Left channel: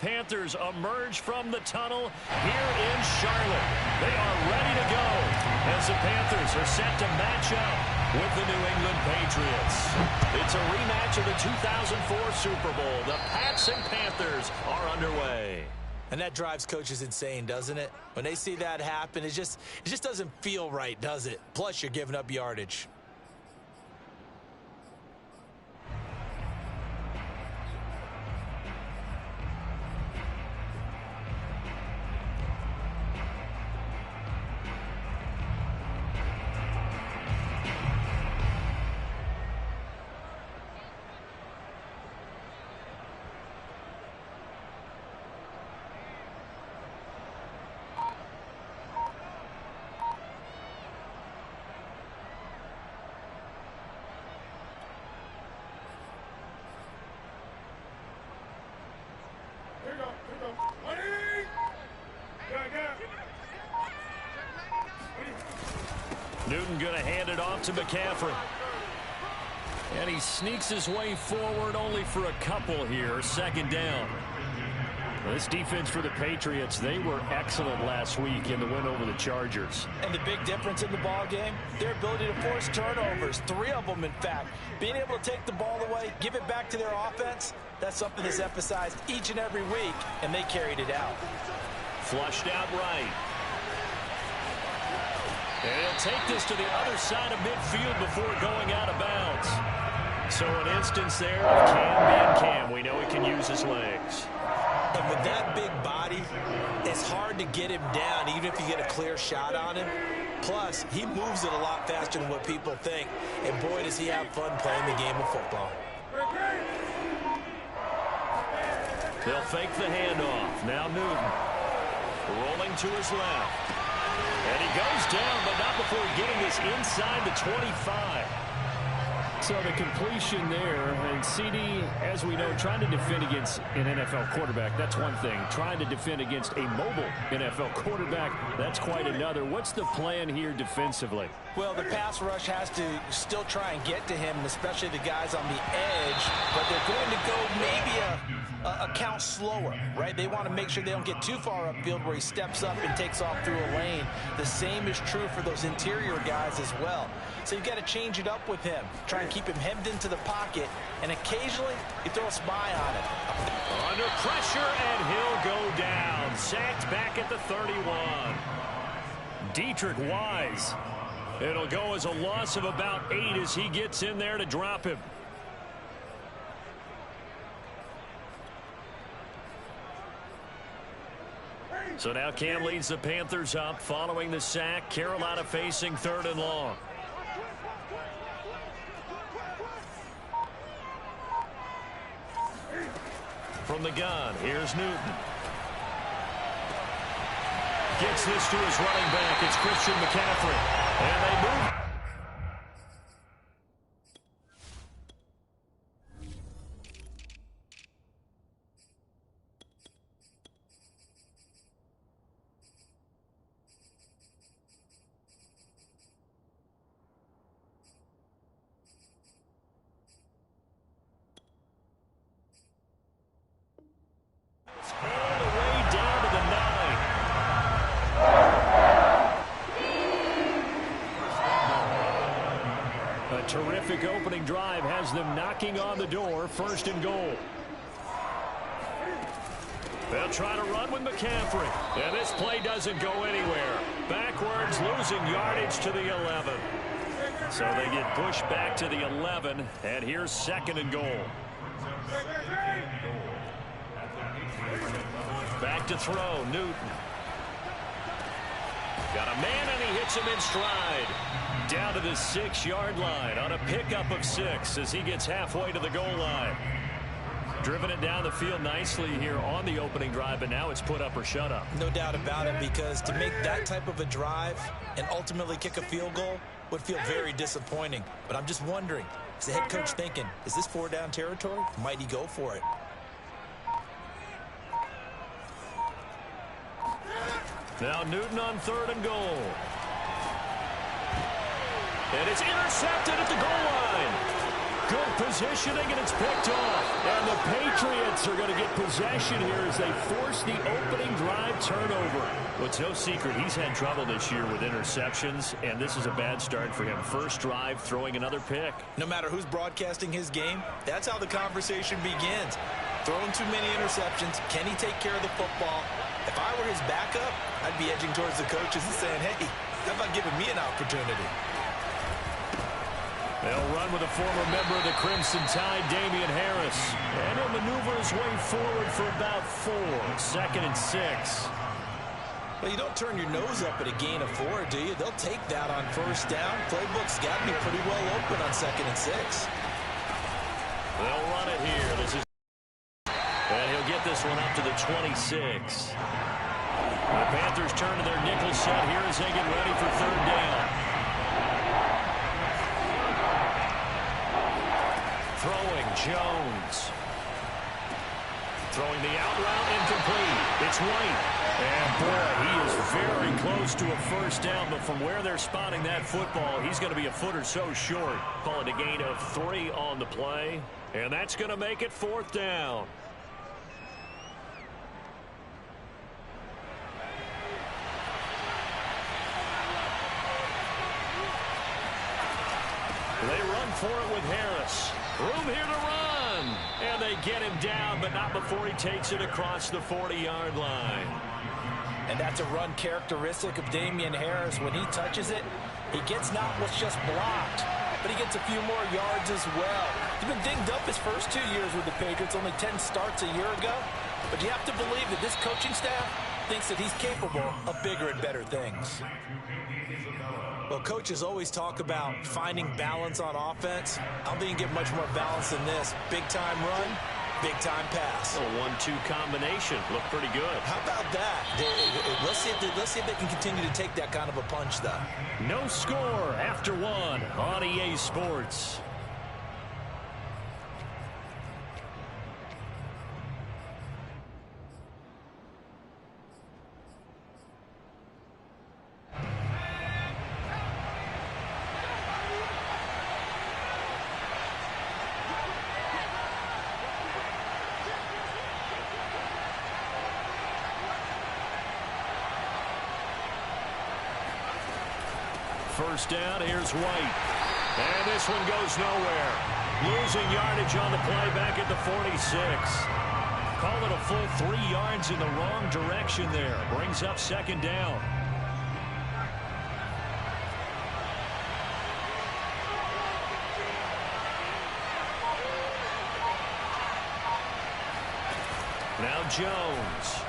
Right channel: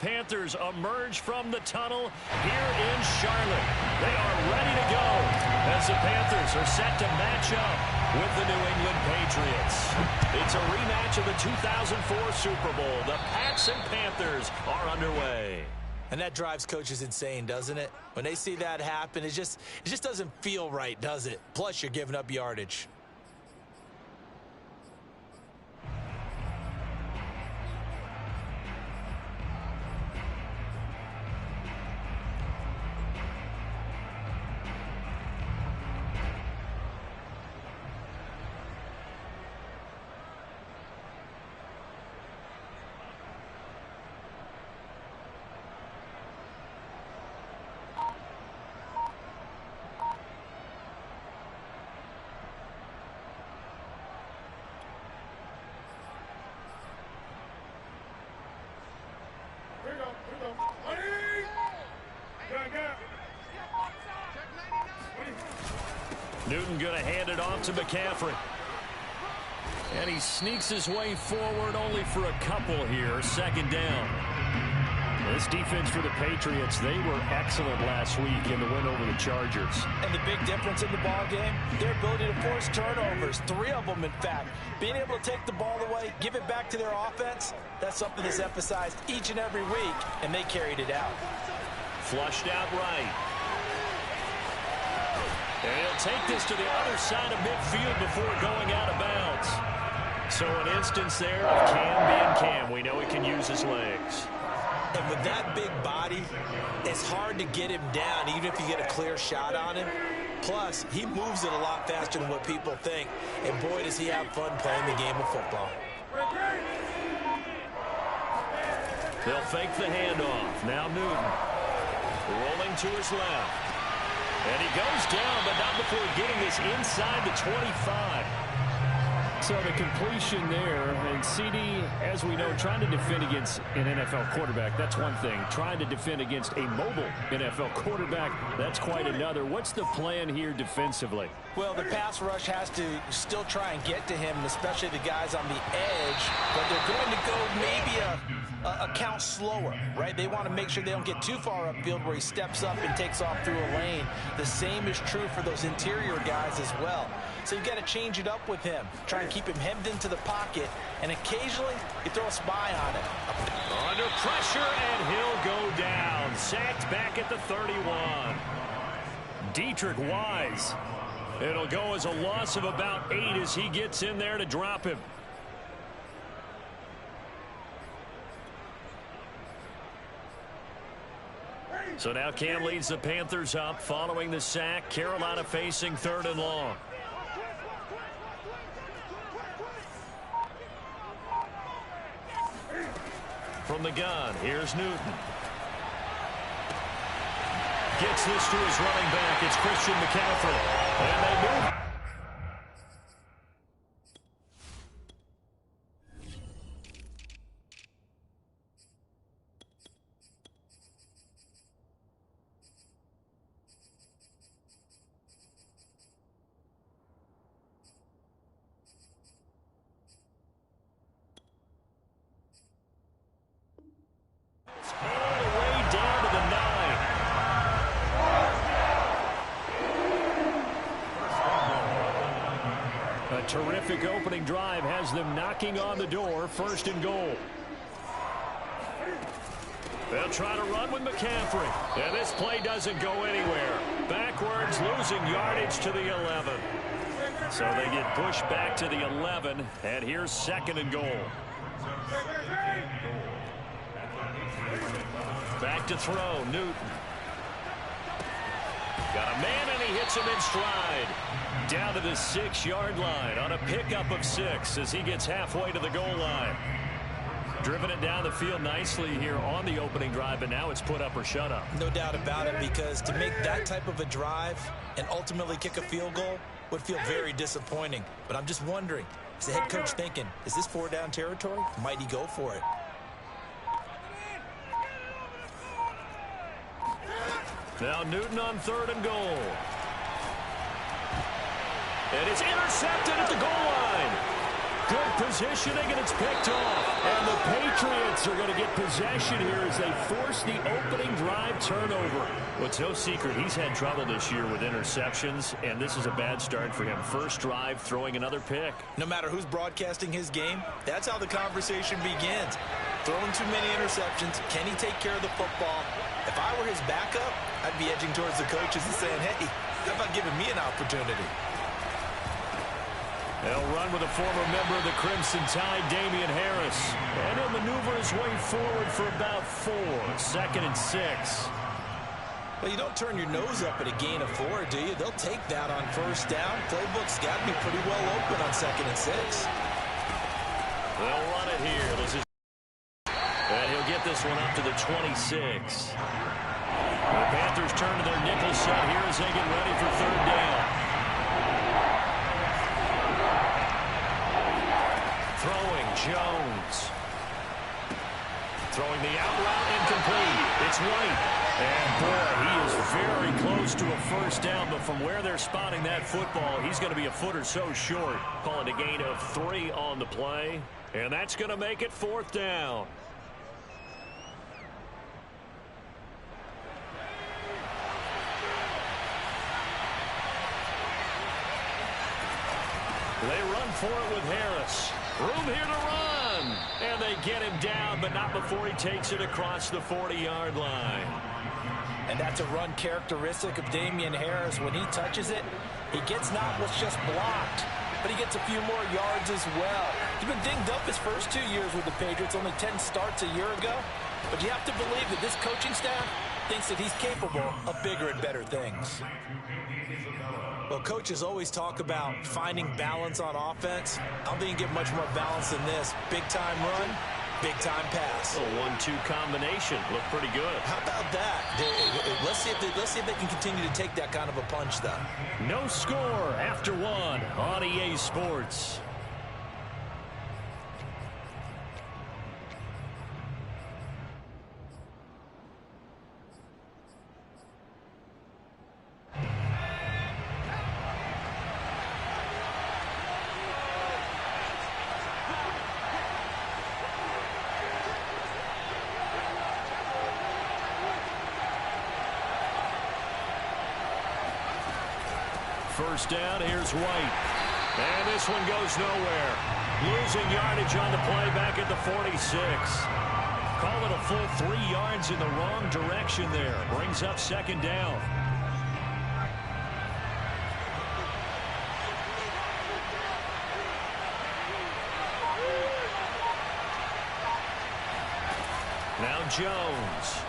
Panthers emerge from the tunnel here in Charlotte. They are ready to go as the Panthers are set to match up with the New England Patriots. It's a rematch of the 2004 Super Bowl. The Pats and Panthers are underway. And that drives coaches insane, doesn't it? When they see that happen, it just doesn't feel right, does it? Plus, you're giving up yardage. Newton going to hand it off to McCaffrey. And he sneaks his way forward only for a couple here. Second down. This defense for the Patriots, they were excellent last week in the win over the Chargers. And the big difference in the ball game, their ability to force turnovers, 3 of them in fact. Being able to take the ball away, give it back to their offense, that's something that's emphasized each and every week, and they carried it out. Flushed out right. And he'll take this to the other side of midfield before going out of bounds. So an instance there of Cam being Cam. We know he can use his legs. And with that big body, it's hard to get him down, even if you get a clear shot on him. Plus, he moves it a lot faster than what people think. And boy, does he have fun playing the game of football. They'll fake the handoff. Now Newton rolling to his left. And he goes down, but not before getting this inside the 25. So the completion there, and CD, as we know, trying to defend against an NFL quarterback, that's one thing. Trying to defend against a mobile NFL quarterback, that's quite another. What's the plan here defensively? Well, the pass rush has to still try and get to him, especially the guys on the edge, but they're going to go maybe a count slower, right? They want to make sure they don't get too far upfield where he steps up and takes off through a lane. The same is true for those interior guys as well. So you've got to change it up with him. Try and keep him hemmed into the pocket, and occasionally you throw a spy on him. Under pressure, and he'll go down. Sacked back at the 31. Deatrich Wise. It'll go as a loss of about 8 as he gets in there to drop him. So now Cam leads the Panthers up following the sack. Carolina facing 3rd and long. From the gun, here's Newton. Gets this to his running back. It's Christian McCaffrey. And they move. All the way down to the 9. A terrific opening drive has them knocking on the door. 1st and goal. They'll try to run with McCaffrey. And this play doesn't go anywhere. Backwards, losing yardage to the 11. So they get pushed back to the 11. And here's 2nd and goal. Back to throw, Newton. Got a man, and he hits him in stride. Down to the 6-yard line on a pickup of 6 as he gets halfway to the goal line. Driven it down the field nicely here on the opening drive, but now it's put up or shut up. No doubt about it, because to make that type of a drive and ultimately kick a field goal would feel very disappointing. But I'm just wondering, is the head coach thinking, is this 4-down territory? Might he go for it? Now Newton on 3rd and goal. And it's intercepted at the goal line. Good positioning, and it's picked off. And the Patriots are going to get possession here as they force the opening drive turnover. Well, it's no secret he's had trouble this year with interceptions, and this is a bad start for him. First drive, throwing another pick. No matter who's broadcasting his game, that's how the conversation begins. Throwing too many interceptions. Can he take care of the football? If I were his backup, I'd be edging towards the coaches and saying, hey, how about giving me an opportunity? They'll run with a former member of the Crimson Tide, Damian Harris. And he'll maneuver his way forward for about 4. 2nd and 6. Well, you don't turn your nose up at a gain of 4, do you? They'll take that on first down. Playbook's got to be pretty well open on 2nd and 6. They'll run it here. This is, and he'll get this one up to the 26. The Panthers turn to their nickel set here as they get ready for 3rd down. Throwing, Jones. Throwing the out route, incomplete. It's White. And, boy, he is very close to a first down, but from where they're spotting that football, he's going to be a foot or so short. Call it a gain of 3 on the play, and that's going to make it 4th down. They run for it with Harris. Room here to run. And they get him down, but not before he takes it across the 40-yard line. And that's a run characteristic of Damian Harris. When he touches it, he gets not what's just blocked, but he gets a few more yards as well. He's been dinged up his first 2 years with the Patriots, only 10 starts a year ago. But you have to believe that this coaching staff thinks that he's capable of bigger and better things. Well, coaches always talk about finding balance on offense. I don't think you get much more balance than this. Big-time run, big-time pass. A 1-2 combination. Looked pretty good. How about that? Let's see if they can continue to take that kind of a punch, though. No score after 1 on EA Sports. First down, here's White. And this one goes nowhere. Losing yardage on the play back at the 46. Call it a full 3 yards in the wrong direction there. Brings up 2nd down. Now Jones.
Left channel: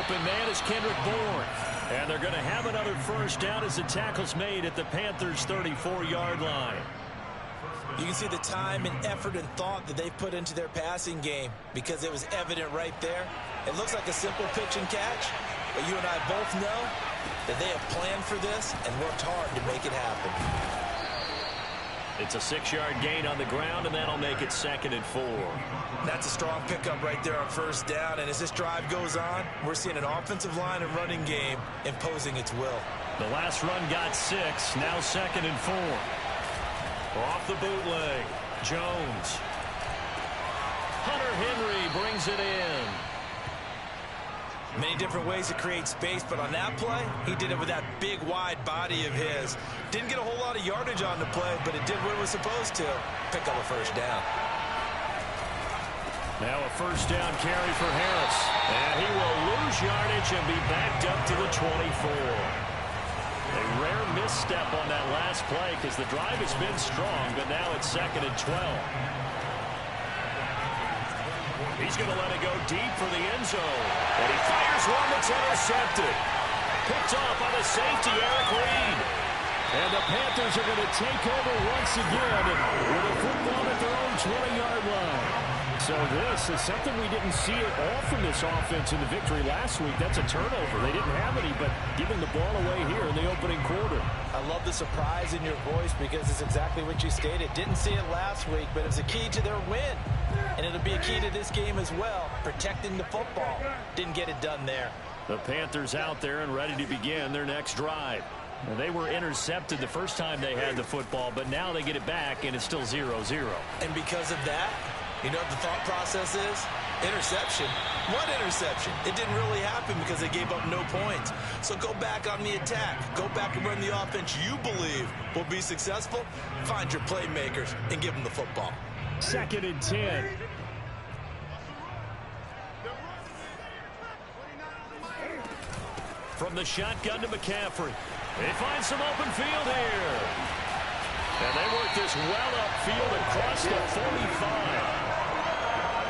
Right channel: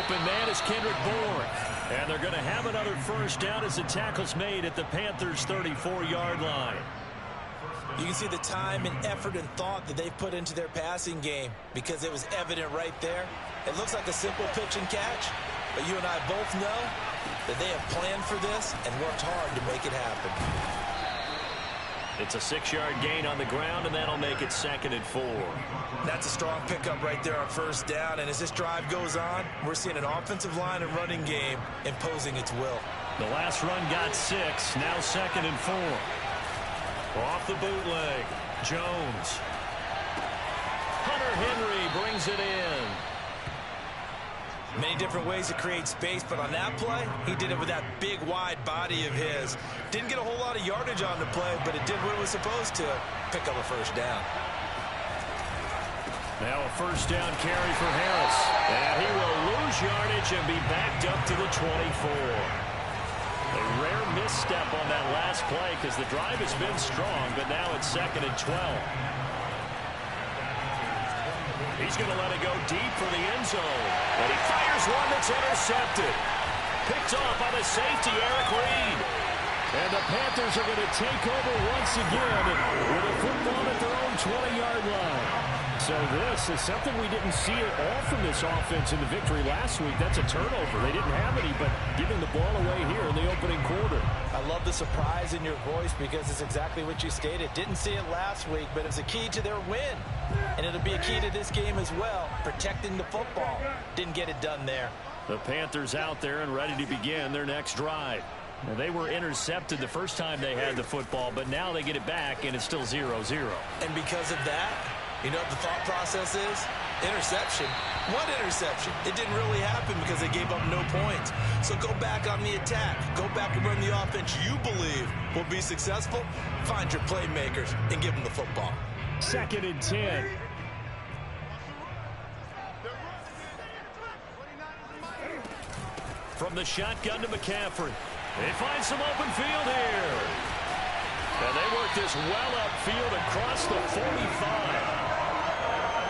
Open man is Kendrick Bourne. And they're going to have another first down as the tackle's made at the Panthers' 34-yard line. You can see the time and effort and thought that they've put into their passing game because it was evident right there. It looks like a simple pitch and catch, but you and I both know that they have planned for this and worked hard to make it happen. It's a 6-yard gain on the ground, and that'll make it 2nd and 4. That's a strong pickup right there on first down, and as this drive goes on, we're seeing an offensive line and running game imposing its will. The last run got 6, now 2nd and 4. Off the bootleg, Jones. Hunter Henry brings it in. Many different ways to create space, but on that play, he did it with that big, wide body of his. Didn't get a whole lot of yardage on the play, but it did what it was supposed to. Pick up a first down. Now a first down carry for Harris. And he will lose yardage and be backed up to the 24. A rare misstep on that last play because the drive has been strong, but now it's 2nd and 12. He's going to let it go deep for the end zone. And he fires one that's intercepted. Picked off by the safety, Eric Reed. And the Panthers are going to take over once again with a football at their own 20-yard line. So this is something we didn't see at all from this offense in the victory last week. That's a turnover. They didn't have any, but giving the ball away here in the opening quarter. I love the surprise in your voice because it's exactly what you stated. Didn't see it last week, but it was a key to their win. And it'll be a key to this game as well, protecting the football. Didn't get it done there. The Panthers out there and ready to begin their next drive. They were intercepted the first time they had the football, but now they get it back, and it's still 0-0. And because of that, you know what the thought process is? Interception. What interception? It didn't really happen because they gave up no points. So go back on the attack. Go back and run the offense you believe will be successful. Find your playmakers and give them the football. 2nd and 10. From the shotgun to McCaffrey. They find some open field here. And they work this well upfield across the 45.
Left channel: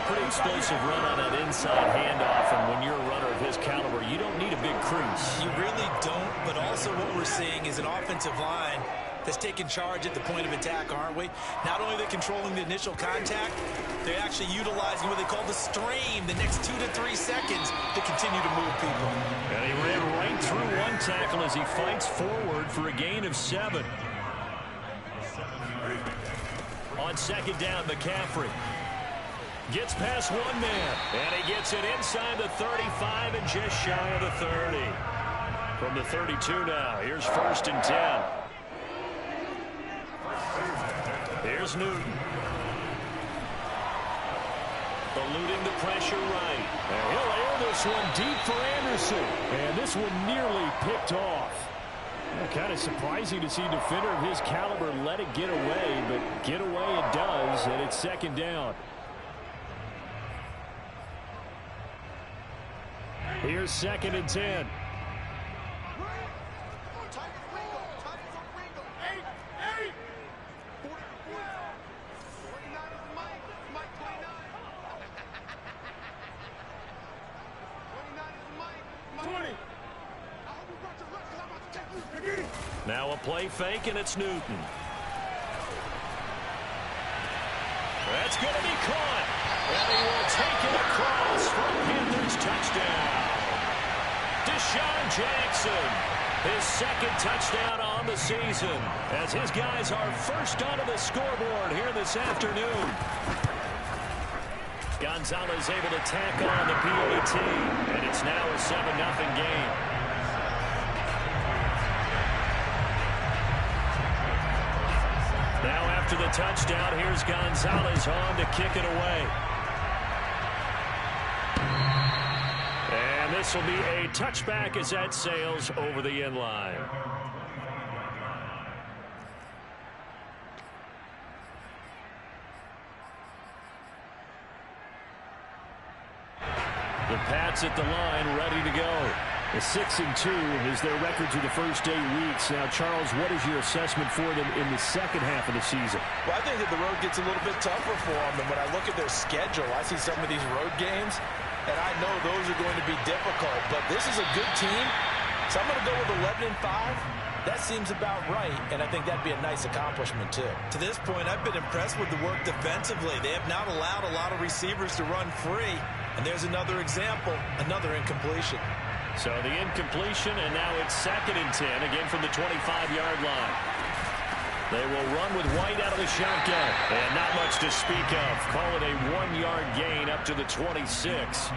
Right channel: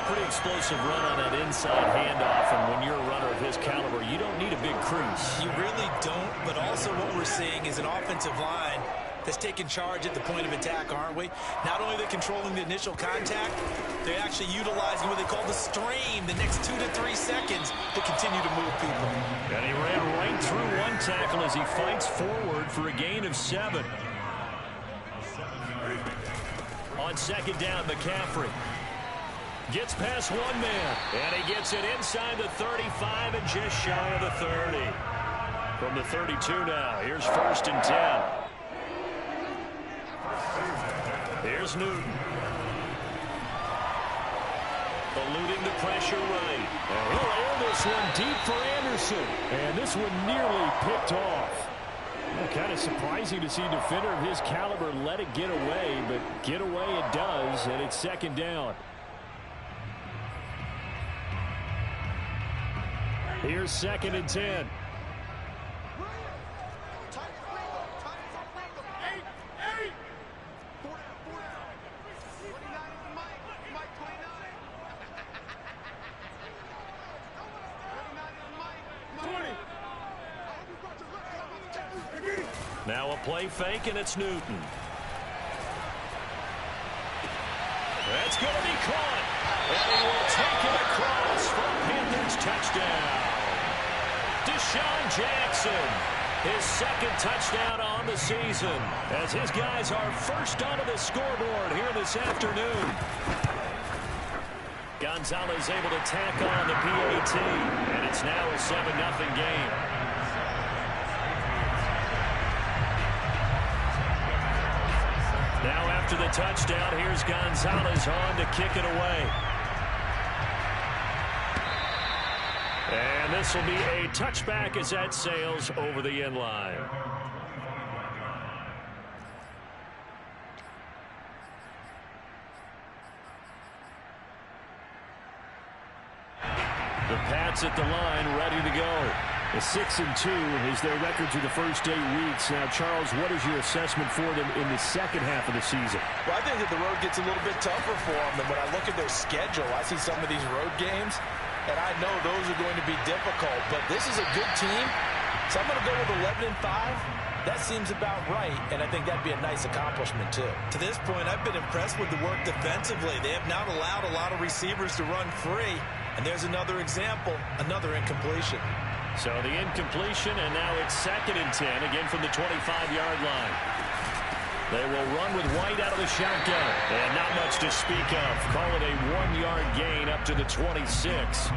Pretty explosive run on that inside handoff, and when you're a runner of his caliber, you don't need a big crease. You really don't, but also what we're seeing is an offensive line that's taking charge at the point of attack, aren't we? Not only are they controlling the initial contact, they're actually utilizing what they call the strain, the next 2 to 3 seconds to continue to move people. And he ran right through one tackle as he fights forward for a gain of 7. On 2nd down, McCaffrey gets past one man, and he gets it inside the 35 and just shy of the 30. From the 32 now, here's 1st and 10. Here's Newton. Eluding the pressure right. And he'll air this one deep for Anderson. And this one nearly picked off. Kind of surprising to see a defender of his caliber let it get away, but get away it does, and it's 2nd down. Here's 2nd and 10. Now a play fake, and it's Newton. That's going to be caught. And he will take it across for a Panthers touchdown. Deshaun Jackson, his 2nd touchdown on the season, as his guys are first onto the scoreboard here this afternoon. Gonzalez able to tack on the PAT, and it's now a 7-0 game. Now after the touchdown, here's Gonzalez on to kick it away. And this will be a touchback as that sails over the end line. The Pats at the line, ready to go. The 6-2 is their record through the first 8 weeks. Now, Charles, what is your assessment for them in the second half of the season? Well, I think that the road gets a little bit tougher for them. And when I look at their schedule, I see some of these road games, and I know those are going to be difficult. But this is a good team, so I'm going to go with 11-5. That seems about right, and I think that'd be a nice accomplishment, too. To this point, I've been impressed with the work defensively. They have not allowed a lot of receivers to run free. And there's another example, another incompletion. So the incompletion, and now it's 2nd and 10, again from the 25-yard line. They will run with White out of the shotgun, and not much to speak of. Call it a 1-yard gain up to the 26.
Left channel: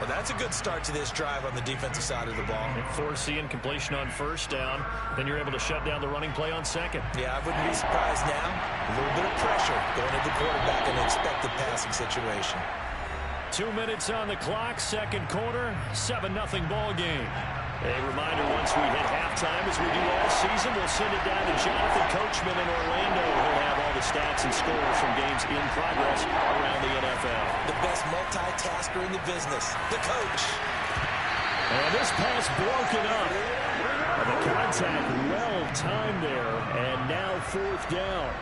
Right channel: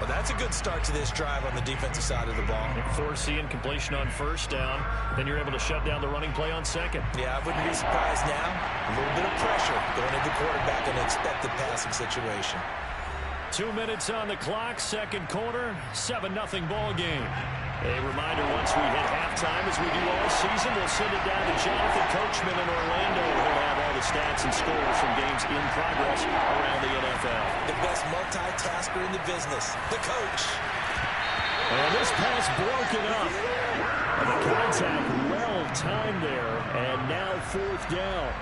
Well, that's a good start to this drive on the defensive side of the ball. And force the incompletion on 1st down, then you're able to shut down the running play on 2nd. Yeah, I wouldn't be surprised now. A little bit of pressure going at the quarterback in an expected passing situation. 2 minutes on the clock, 2nd quarter, 7-0 ball game. A reminder, once we hit halftime, as we do all season, we'll send it down to Jonathan Coachman in Orlando. He'll have all the stats and scores from games in progress around the NFL. The best multitasker in the business, the coach. And this pass broken up. The contact well timed there, and now 4th down.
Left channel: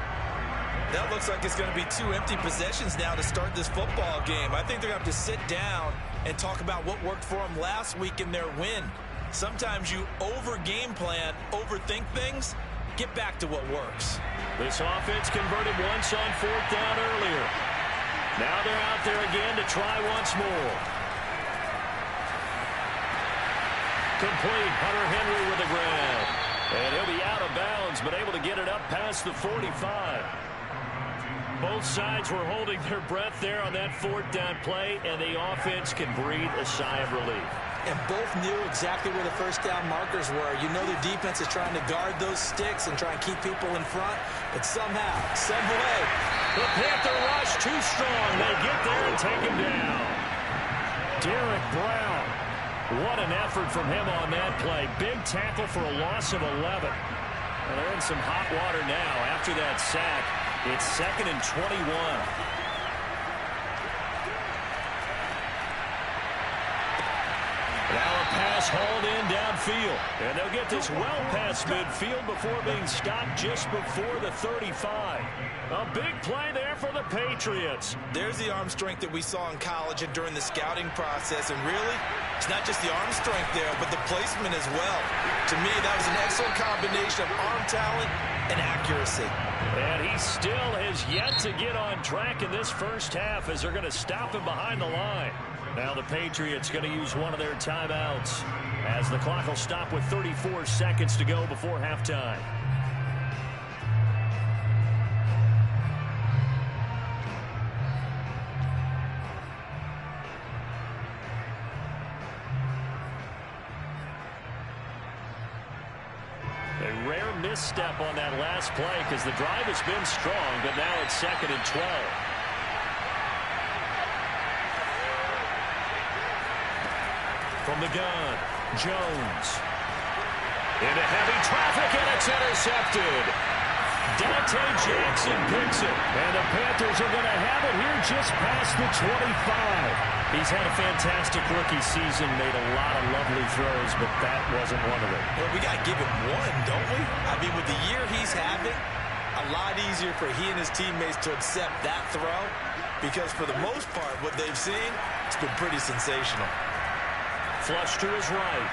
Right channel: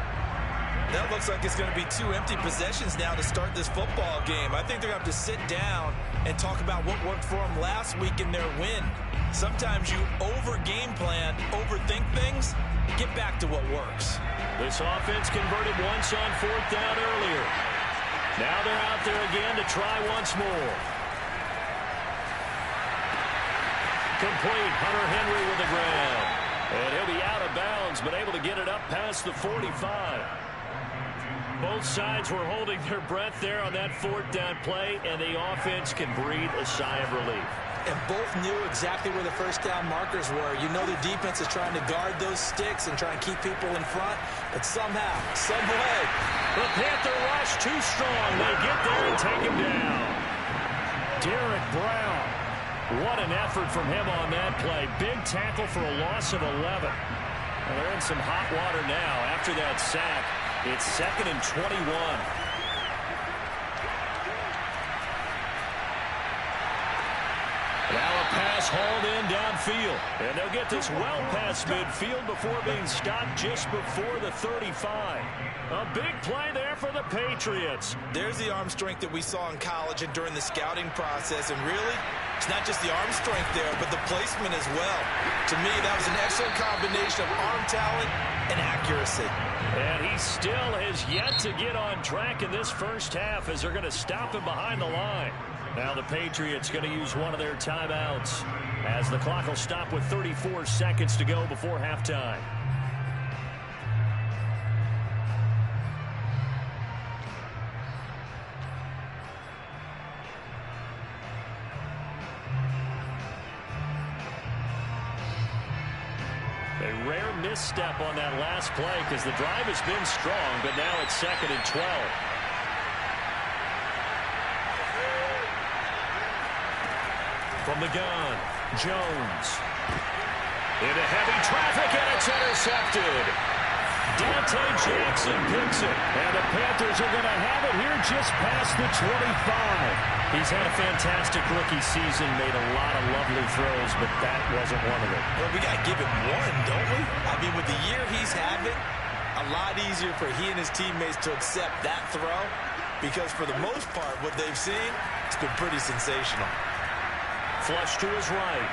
That looks like it's going to be 2 empty possessions now to start this football game. I think they're going to have to sit down and talk about what worked for them last week in their win. Sometimes you over-game plan, overthink things. Get back to what works. This offense converted once on 4th down earlier. Now they're out there again to try once more. Complete. Hunter Henry with the grab. And he'll be out of bounds, but able to get it up past the 45. Both sides were holding their breath there on that 4th down play, and the offense can breathe a sigh of relief. and both knew exactly where the first down markers were. You know the defense is trying to guard those sticks and try and keep people in front, but somehow, some way, the Panther rush too strong. They get there and take him down. Derek Brown. What an effort from him on that play. Big tackle for a loss of 11. Well, they're in some hot water now. After that sack, it's 2nd and 21. Now a pass hauled in downfield. And they'll get this well past midfield before being stopped just before the 35. A big play there for the Patriots. There's the arm strength that we saw in college and during the scouting process. And really, it's not just the arm strength there, but the placement as well. To me, that was an excellent combination of arm talent and accuracy. And he still has yet to get on track in this first half as they're going to stop him behind the line. Now the Patriots going to use one of their timeouts as the clock will stop with 34 seconds to go before halftime. A rare misstep on that last play because the drive has been strong, but now it's 2nd and 12. From the gun, Jones. Into heavy traffic, and it's intercepted. Dante Jackson picks it. And the Panthers are going to have it here just past the 25. He's had a fantastic rookie season, made a lot of lovely throws, but that wasn't one of them. Well, we got to give him one, don't we? I mean, with the year he's having, a lot easier for he and his teammates to accept that throw because for the most part, what they've seen, it's been pretty sensational. Flush to his right.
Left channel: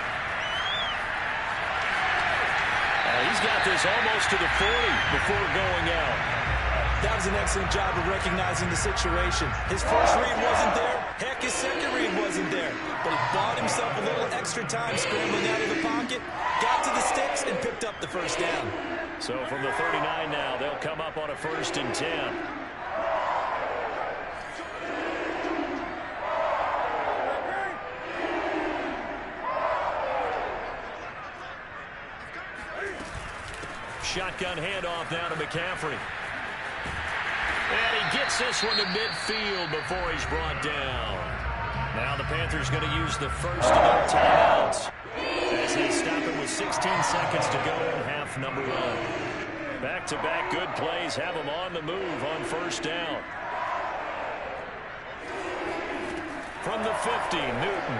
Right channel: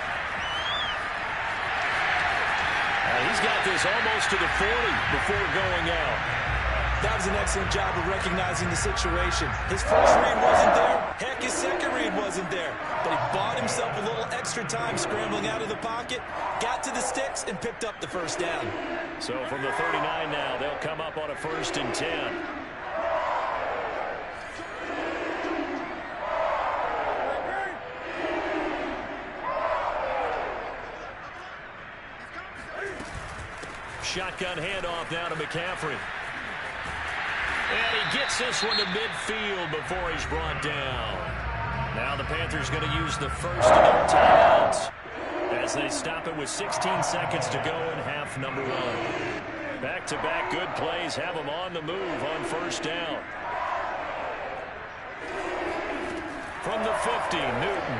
And he's got this almost to the 40 before going out. That was an excellent job of recognizing the situation. His first read wasn't there. Heck, his second read wasn't there. But he bought himself a little extra time scrambling out of the pocket, got to the sticks, and picked up the first down. So from the 39 now, they'll come up on a 1st and 10. Shotgun handoff now to McCaffrey. And he gets this one to midfield before he's brought down. Now the Panthers going to use the first of their timeouts as they stop it with 16 seconds to go in half number 1. Back-to-back good plays have them on the move on first down. From the 50, Newton.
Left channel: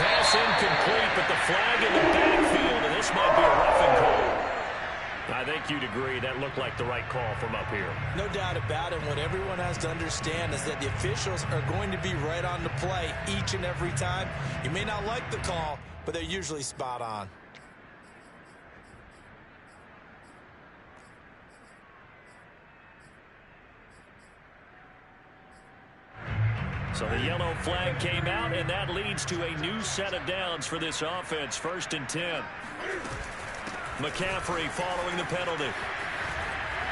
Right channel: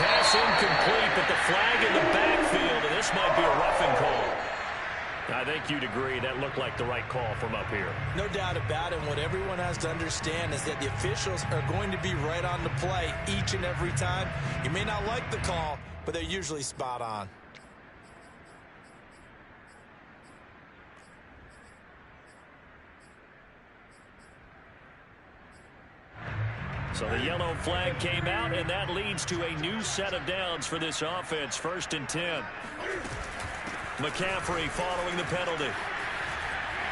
Pass incomplete, but the flag in the backfield, and this might be a roughing call. I think you'd agree that looked like the right call from up here. No doubt about it. What everyone has to understand is that the officials are going to be right on the play each and every time. You may not like the call, but they're usually spot on. So the yellow flag came out, and that leads to a new set of downs for this offense. 1st and 10. McCaffrey following the penalty.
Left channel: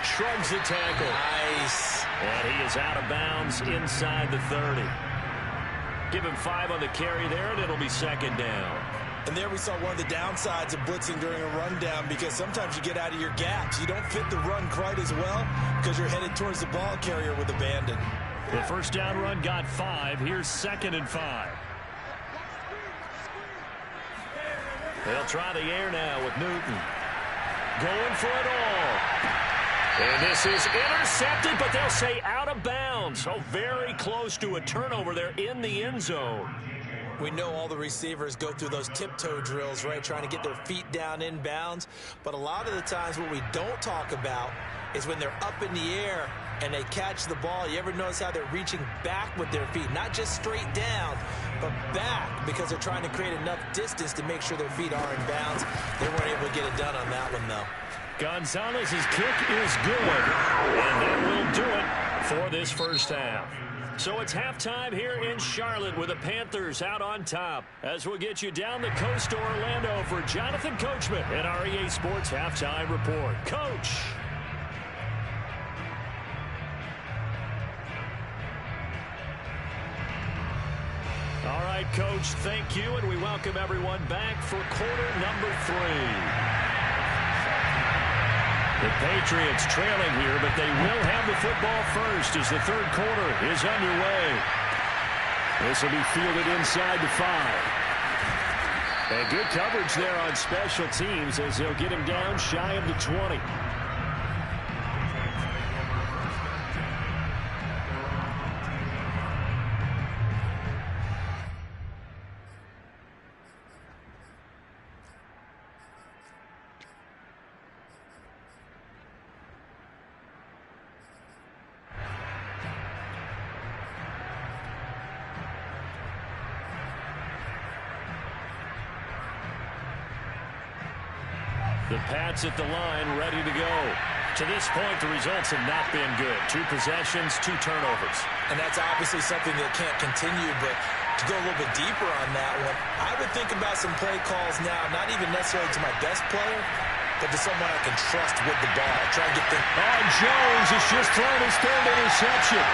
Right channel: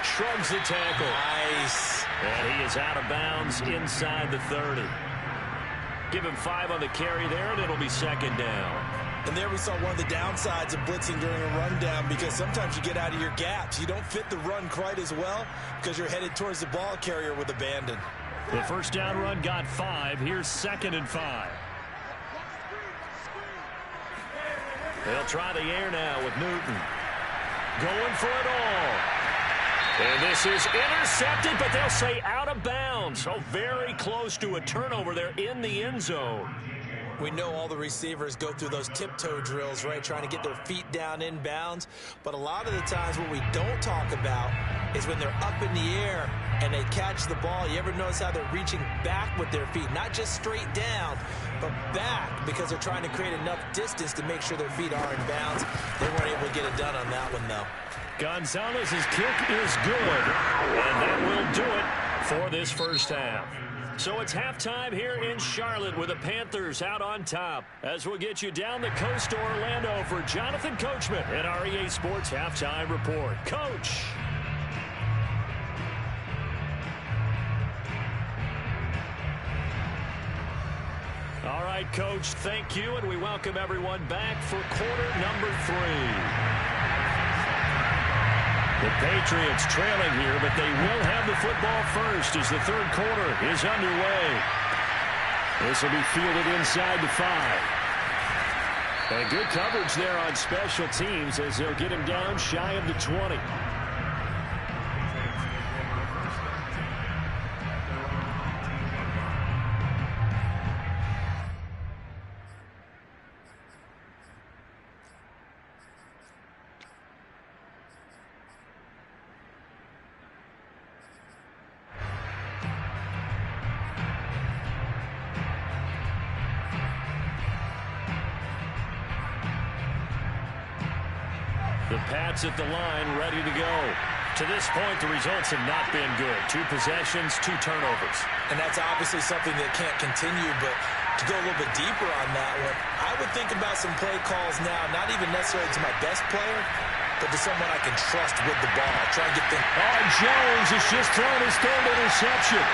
Shrugs the tackle. Nice. And he is out of bounds inside the 30. Give him 5 on the carry there, and it'll be 2nd down. And there we saw one of the downsides of blitzing during a rundown because sometimes you get out of your gaps. You don't fit the run quite as well because you're headed towards the ball carrier with abandon. The first down run got 5. Here's 2nd and 5. They'll try the air now with Newton. Going for it all. And this is intercepted, but they'll say out of bounds. So very close to a turnover there in the end zone. We know all the receivers go through those tiptoe drills, right, trying to get their feet down in bounds. But a lot of the times what we don't talk about is when they're up in the air and they catch the ball. You ever notice how they're reaching back with their feet? Not just straight down, but back because they're trying to create enough distance to make sure their feet are in bounds. They weren't able to get it done on that one, though. Gonzalez's kick is good, and that will do it for this first half. So it's halftime here in Charlotte with the Panthers out on top. As we'll get you down the coast to Orlando for Jonathan Coachman and our EA Sports Halftime Report. Coach. All right, Coach, thank you, and we welcome everyone back for quarter number 3. The Patriots trailing here, but they will have the football first as the third quarter is underway. This will be fielded inside the 5. And good coverage there on special teams as they'll get him down shy of the 20. The Pats at the line, ready to go. To this point, the results have not been good. 2 possessions, 2 turnovers. And that's obviously something that can't continue, but to go a little bit deeper on that one, I would think about some play calls now, not even necessarily to my best player, but to someone I can trust with the ball. Try and get things. Oh, Jones has just thrown his 3rd interception.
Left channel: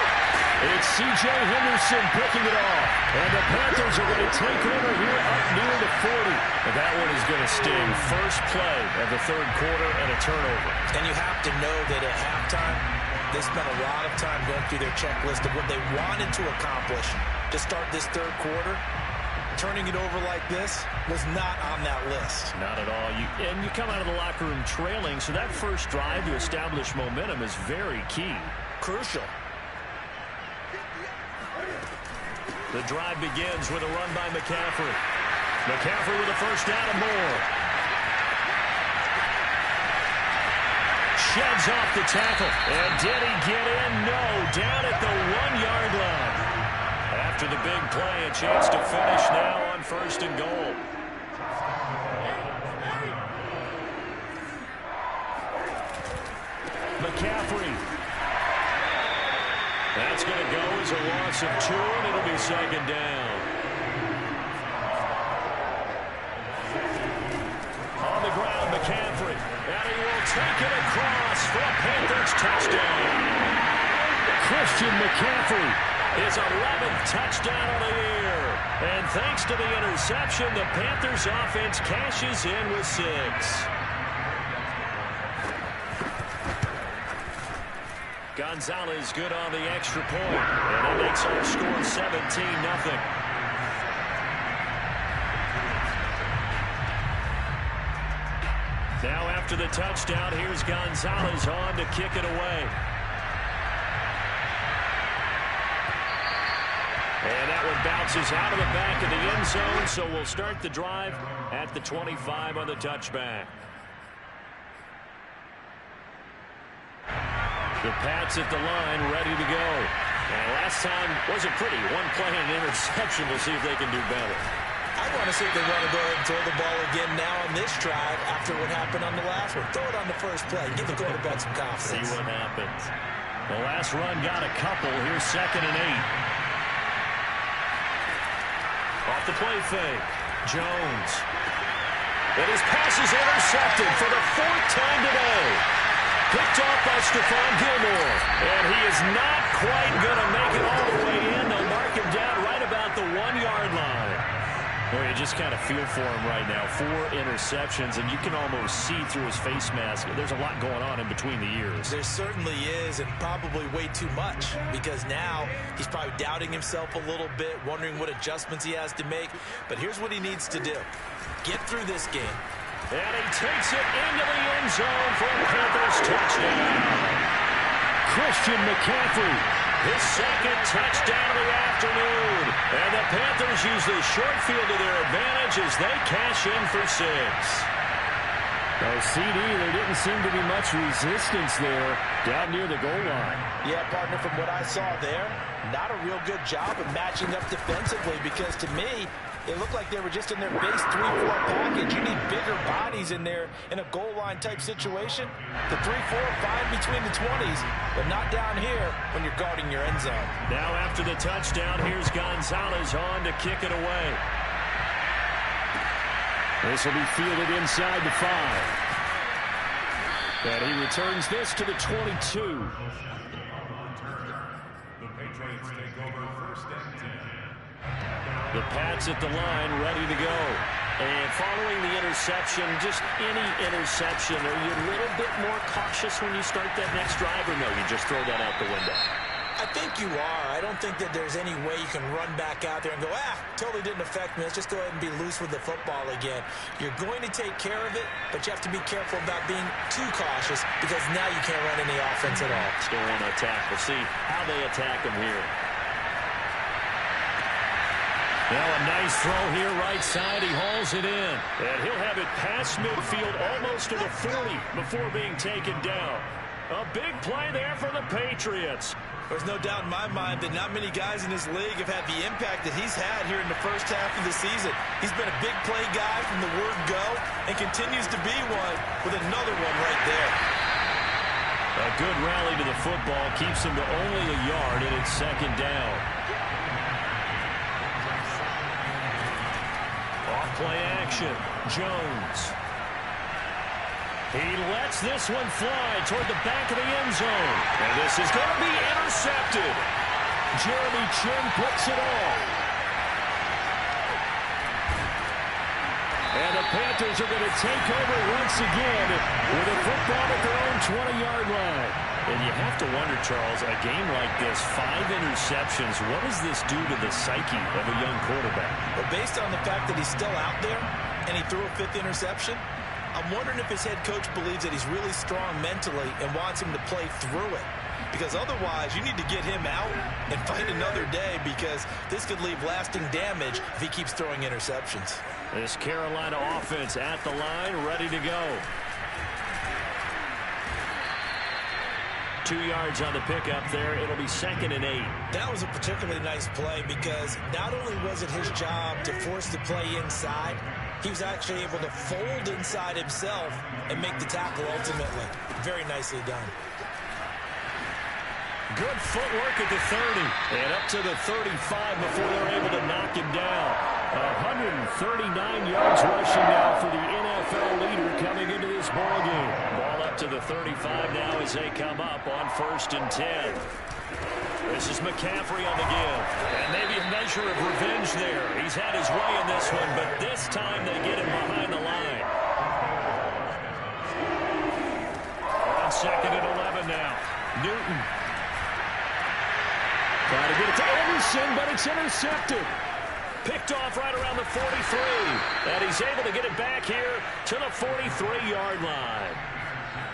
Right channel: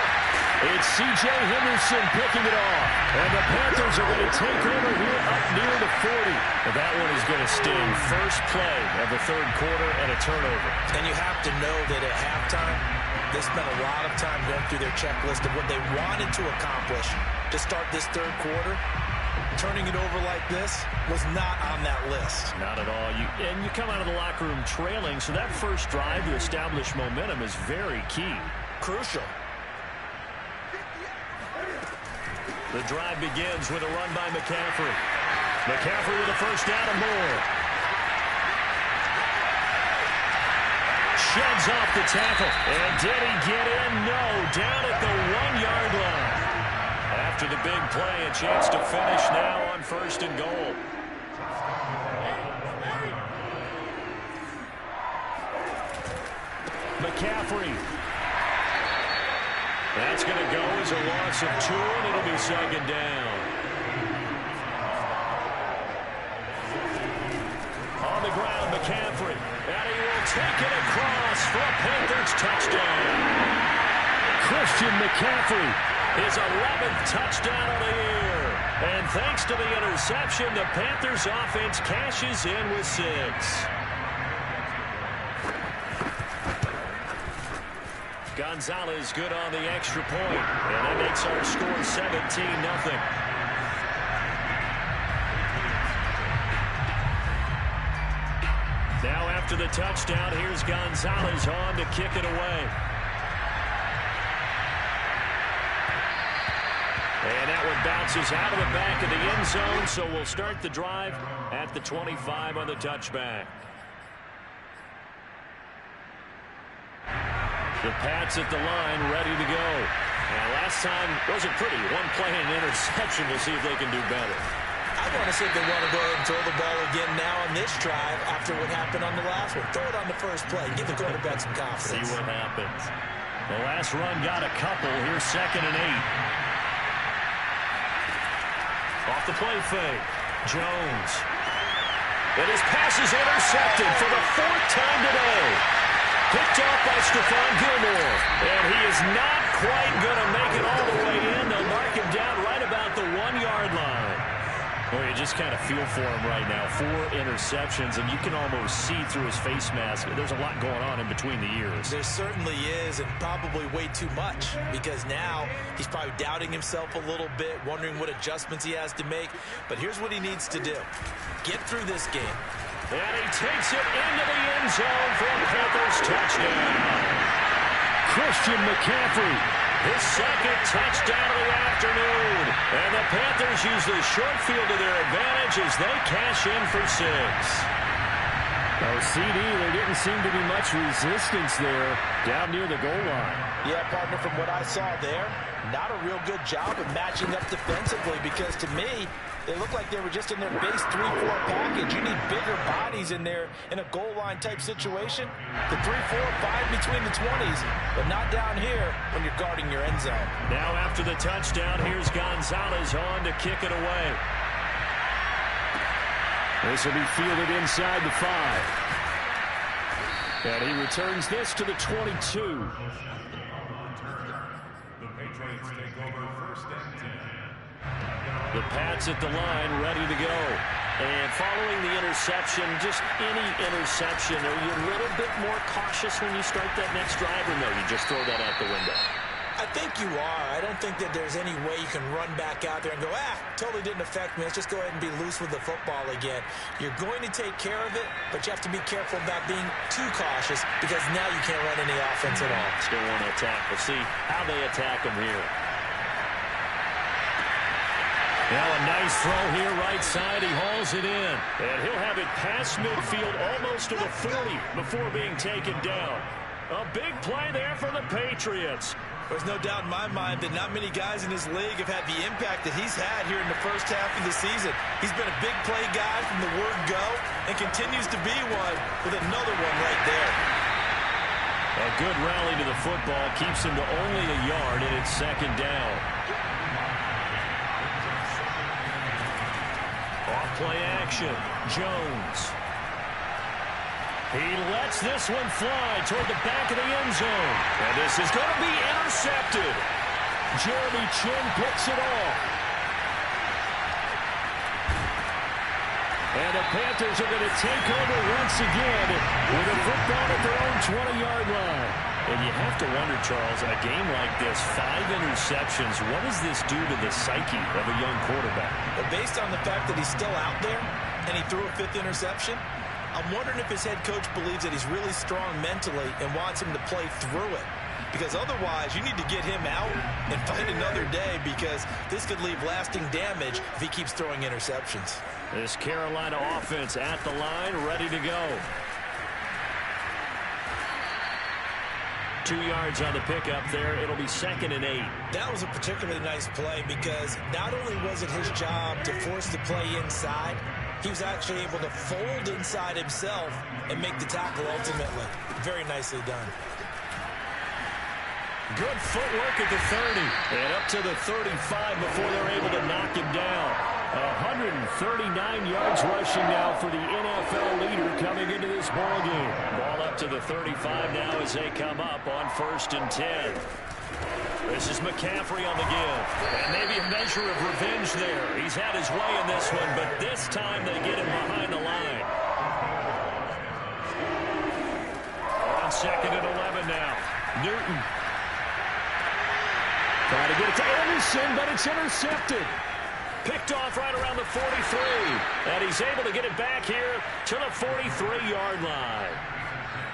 It's C.J. Henderson picking it off. And the Panthers are going to take over here up near the 40. And that one is going to sting. First play of the third quarter and a turnover. And you have to know that at halftime, they spent a lot of time going through their checklist of what they wanted to accomplish to start this third quarter. Turning it over like this was not on that list. Not at all. And you come out of the locker room trailing, so that first drive to establish momentum is very key. Crucial. The drive begins with a run by McCaffrey. McCaffrey with a first down and more. Sheds off the tackle. And did he get in? No. Down at the 1-yard line. After the big play, a chance to finish now on 1st and goal. McCaffrey. That's going to go as a loss of 2, and it'll be 2nd down. On the ground, McCaffrey. And he will take it across for a Panthers touchdown. Christian McCaffrey. His 11th touchdown of the year. And thanks to the interception, the Panthers offense cashes in with 6. Gonzalez good on the extra point. And that makes our score 17-0. Now after the touchdown, here's Gonzalez on to kick it away. And that one bounces out of the back of the end zone, so we'll start the drive at the 25 on the touchback. The Pats at the line, ready to go. And last time wasn't pretty. 1 play and an interception. We'll see if they can do better. I want to see if they want to go ahead and throw the ball again now on this drive after what happened on the last one. Throw it on the first play. Give the quarterback some confidence. See what happens. The last run got a couple. Here's 2nd and 8. Off the play fake. Jones. And his pass is intercepted for the 4th time today. Picked off by Stephon Gilmore. And he is not quite going to make it all the way in. They'll mark him down right about the 1-yard line. Well, you just kind of feel for him right now. 4 interceptions, and you can almost see through his face mask. There's a lot going on in between the ears. There certainly is, and probably way too much, because now he's probably doubting himself a little bit, wondering what adjustments he has to make. But here's what he needs to do. Get through this game. And he takes it into the end zone for a Panthers touchdown. Christian McCaffrey. His 2nd touchdown of the afternoon. And the Panthers use the short field to their advantage as they cash in for 6. Oh, CD, there didn't seem to be much resistance there down near the goal line. Yeah, partner, from what I saw there, not a real good job of matching up defensively, because to me, they looked like they were just in their base 3-4 package. You need bigger bodies in there in a goal line type situation. The 3-4, fine between the 20s, but not down here when you're guarding your end zone. Now after the touchdown, here's Gonzalez on to kick it away. This will be fielded inside the 5. And he returns this to the 22. The Patriots take over 1st and 10. The Pats at the line, ready to go. And following the interception, just any interception, are you a little bit more cautious when you start that next drive, or no, you just throw that out the window? I think you are. I don't think that there's any way you can run back out there and go, totally didn't affect me. Let's just go ahead and be loose with the football again. You're going to take care of it, but you have to be careful about being too cautious because now you can't run any offense at all. Still want to attack. We'll see how they attack them here. Now a nice throw here right side. He hauls it in. And he'll have it past midfield almost to the 40 before being taken down. A big play there for the Patriots. There's no doubt in my mind that not many guys in this league have had the impact that he's had here in the first half of the season. He's been a big play guy from the word go and continues to be one with another one right there. A good rally to the football keeps him to only a yard, and it's second down. Off play action. Jones. He lets this one fly toward the back of the end zone. And this is going to be intercepted. Jeremy Chinn picks it off. And the Panthers are going to take over once again with a football at their own 20-yard line. And you have to wonder, Charles, a game like this, 5 interceptions, what does this do to the psyche of a young quarterback? Well, based on the fact that he's still out there and he threw a 5th interception, I'm wondering if his head coach believes that he's really strong mentally and wants him to play through it. Because otherwise, you need to get him out and fight another day because this could leave lasting damage if he keeps throwing interceptions. This Carolina offense at the line, ready to go. 2 yards on the pickup there. It'll be 2nd and 8. That was a particularly nice play because not only was it his job to force the play inside, he was actually able to fold inside himself and make the tackle ultimately. Very nicely done. Good footwork at the 30. And up to the 35 before they're able to knock him down. 139 yards rushing now for the NFL leader coming into this ball game. Ball up to the 35 now as they come up on 1st and 10. This is McCaffrey on the give. And maybe a measure of revenge there. He's had his way in this one, but this time they get him behind the line. On 2nd and 11 now. Newton. Trying to get it to Anderson, but it's intercepted. Picked off right around the 43. And he's able to get it back here to the 43-yard line.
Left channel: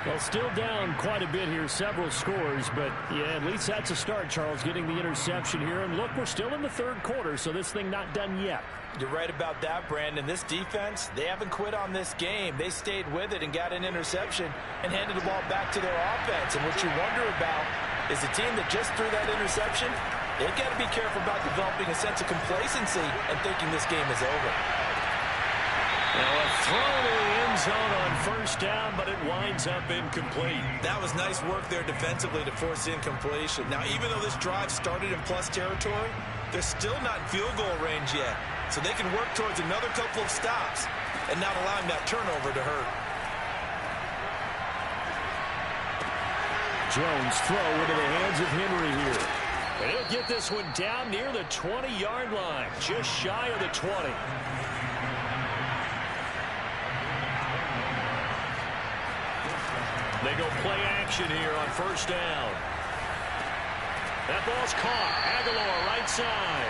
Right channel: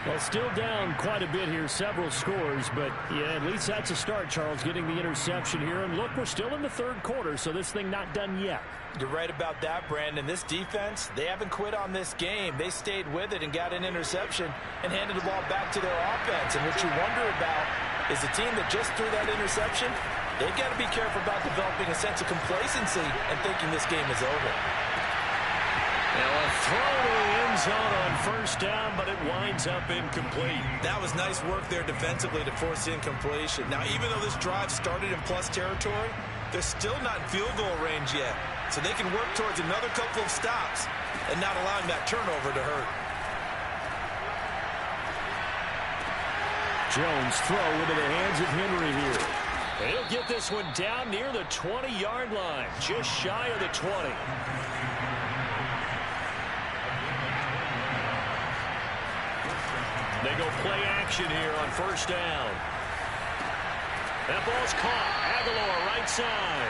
Well, still down quite a bit here, several scores, but yeah, at least that's a start, Charles, getting the interception here. And look, we're still in the 3rd quarter, so this thing not done yet. You're right about that, Brandon. This defense, they haven't quit on this game. They stayed with it and got an interception and handed the ball back to their offense. And what you wonder about is the team that just threw that interception, they've got to be careful about developing a sense of complacency and thinking this game is over. Now a throw to the end zone on 1st down, but it winds up incomplete. That was nice work there defensively to force the incompletion. Now, even though this drive started in plus territory, they're still not in field goal range yet. So they can work towards another couple of stops and not allowing that turnover to hurt. Jones throw into the hands of Henry here. And he'll get this one down near the 20-yard line, just shy of the 20. They go play action here on 1st down. That ball's caught. Aguilar right side.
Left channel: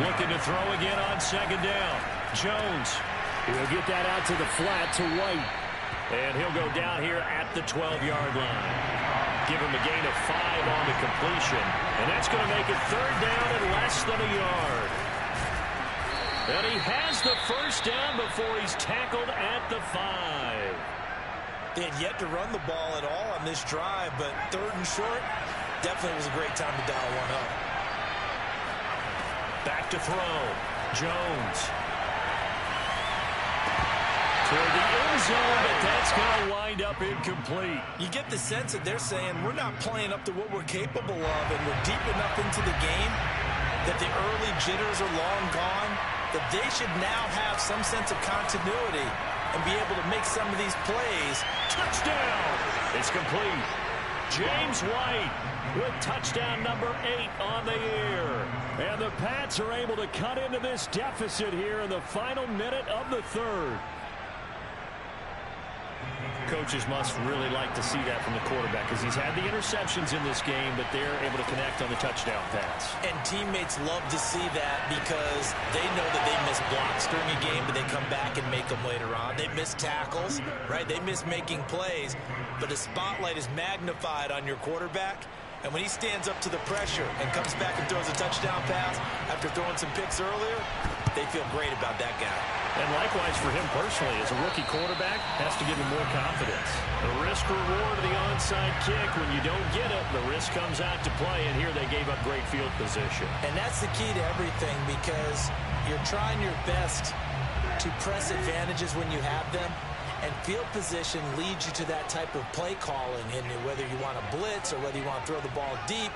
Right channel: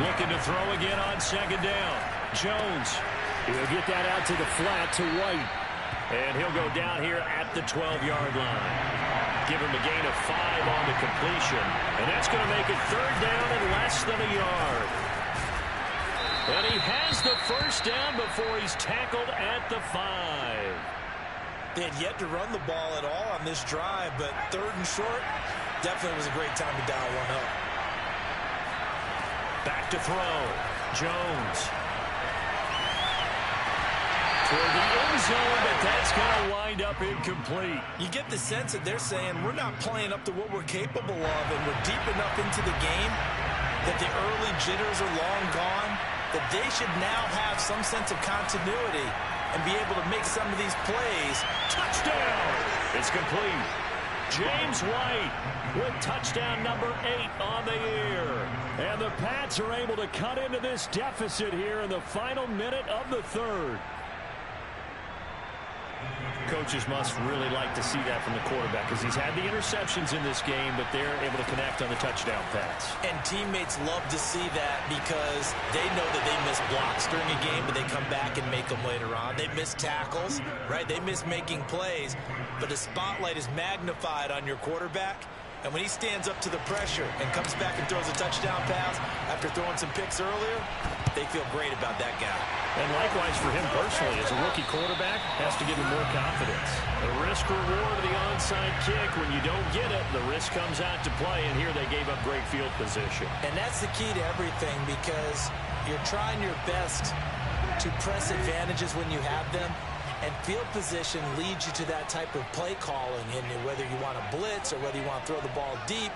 Looking to throw again on 2nd down. Jones. He'll get that out to the flat to White. And he'll go down here at the 12-yard line. Give him a gain of 5 on the completion. And that's going to make it 3rd down and less than a yard. And he has the 1st down before he's tackled at the 5. They had yet to run the ball at all on this drive, but 3rd and short, definitely was a great time to dial one up. Back to throw. Jones. Toward the end zone, but that's going to wind up incomplete. You get the sense that they're saying we're not playing up to what we're capable of, and we're deep enough into the game that the early jitters are long gone, that they should now have some sense of continuity and be able to make some of these plays. Touchdown! It's complete. James White with touchdown number 8 on the year. And the Pats are able to cut into this deficit here in the final minute of the third. Coaches must really like to see that from the quarterback because he's had the interceptions in this game, but they're able to connect on the touchdown pass. And teammates love to see that because they know that they miss blocks during a game, but they come back and make them later on. They miss tackles, right? They miss making plays, but the spotlight is magnified on your quarterback. And when he stands up to the pressure and comes back and throws a touchdown pass after throwing some picks earlier, they feel great about that guy. And likewise for him personally, as a rookie quarterback, has to give him more confidence. The risk reward of the onside kick, when you don't get it, the risk comes out to play, and here they gave up great field position. And that's the key to everything because you're trying your best to press advantages when you have them. And field position leads you to that type of play calling, and whether you want to blitz or whether you want to throw the ball deep,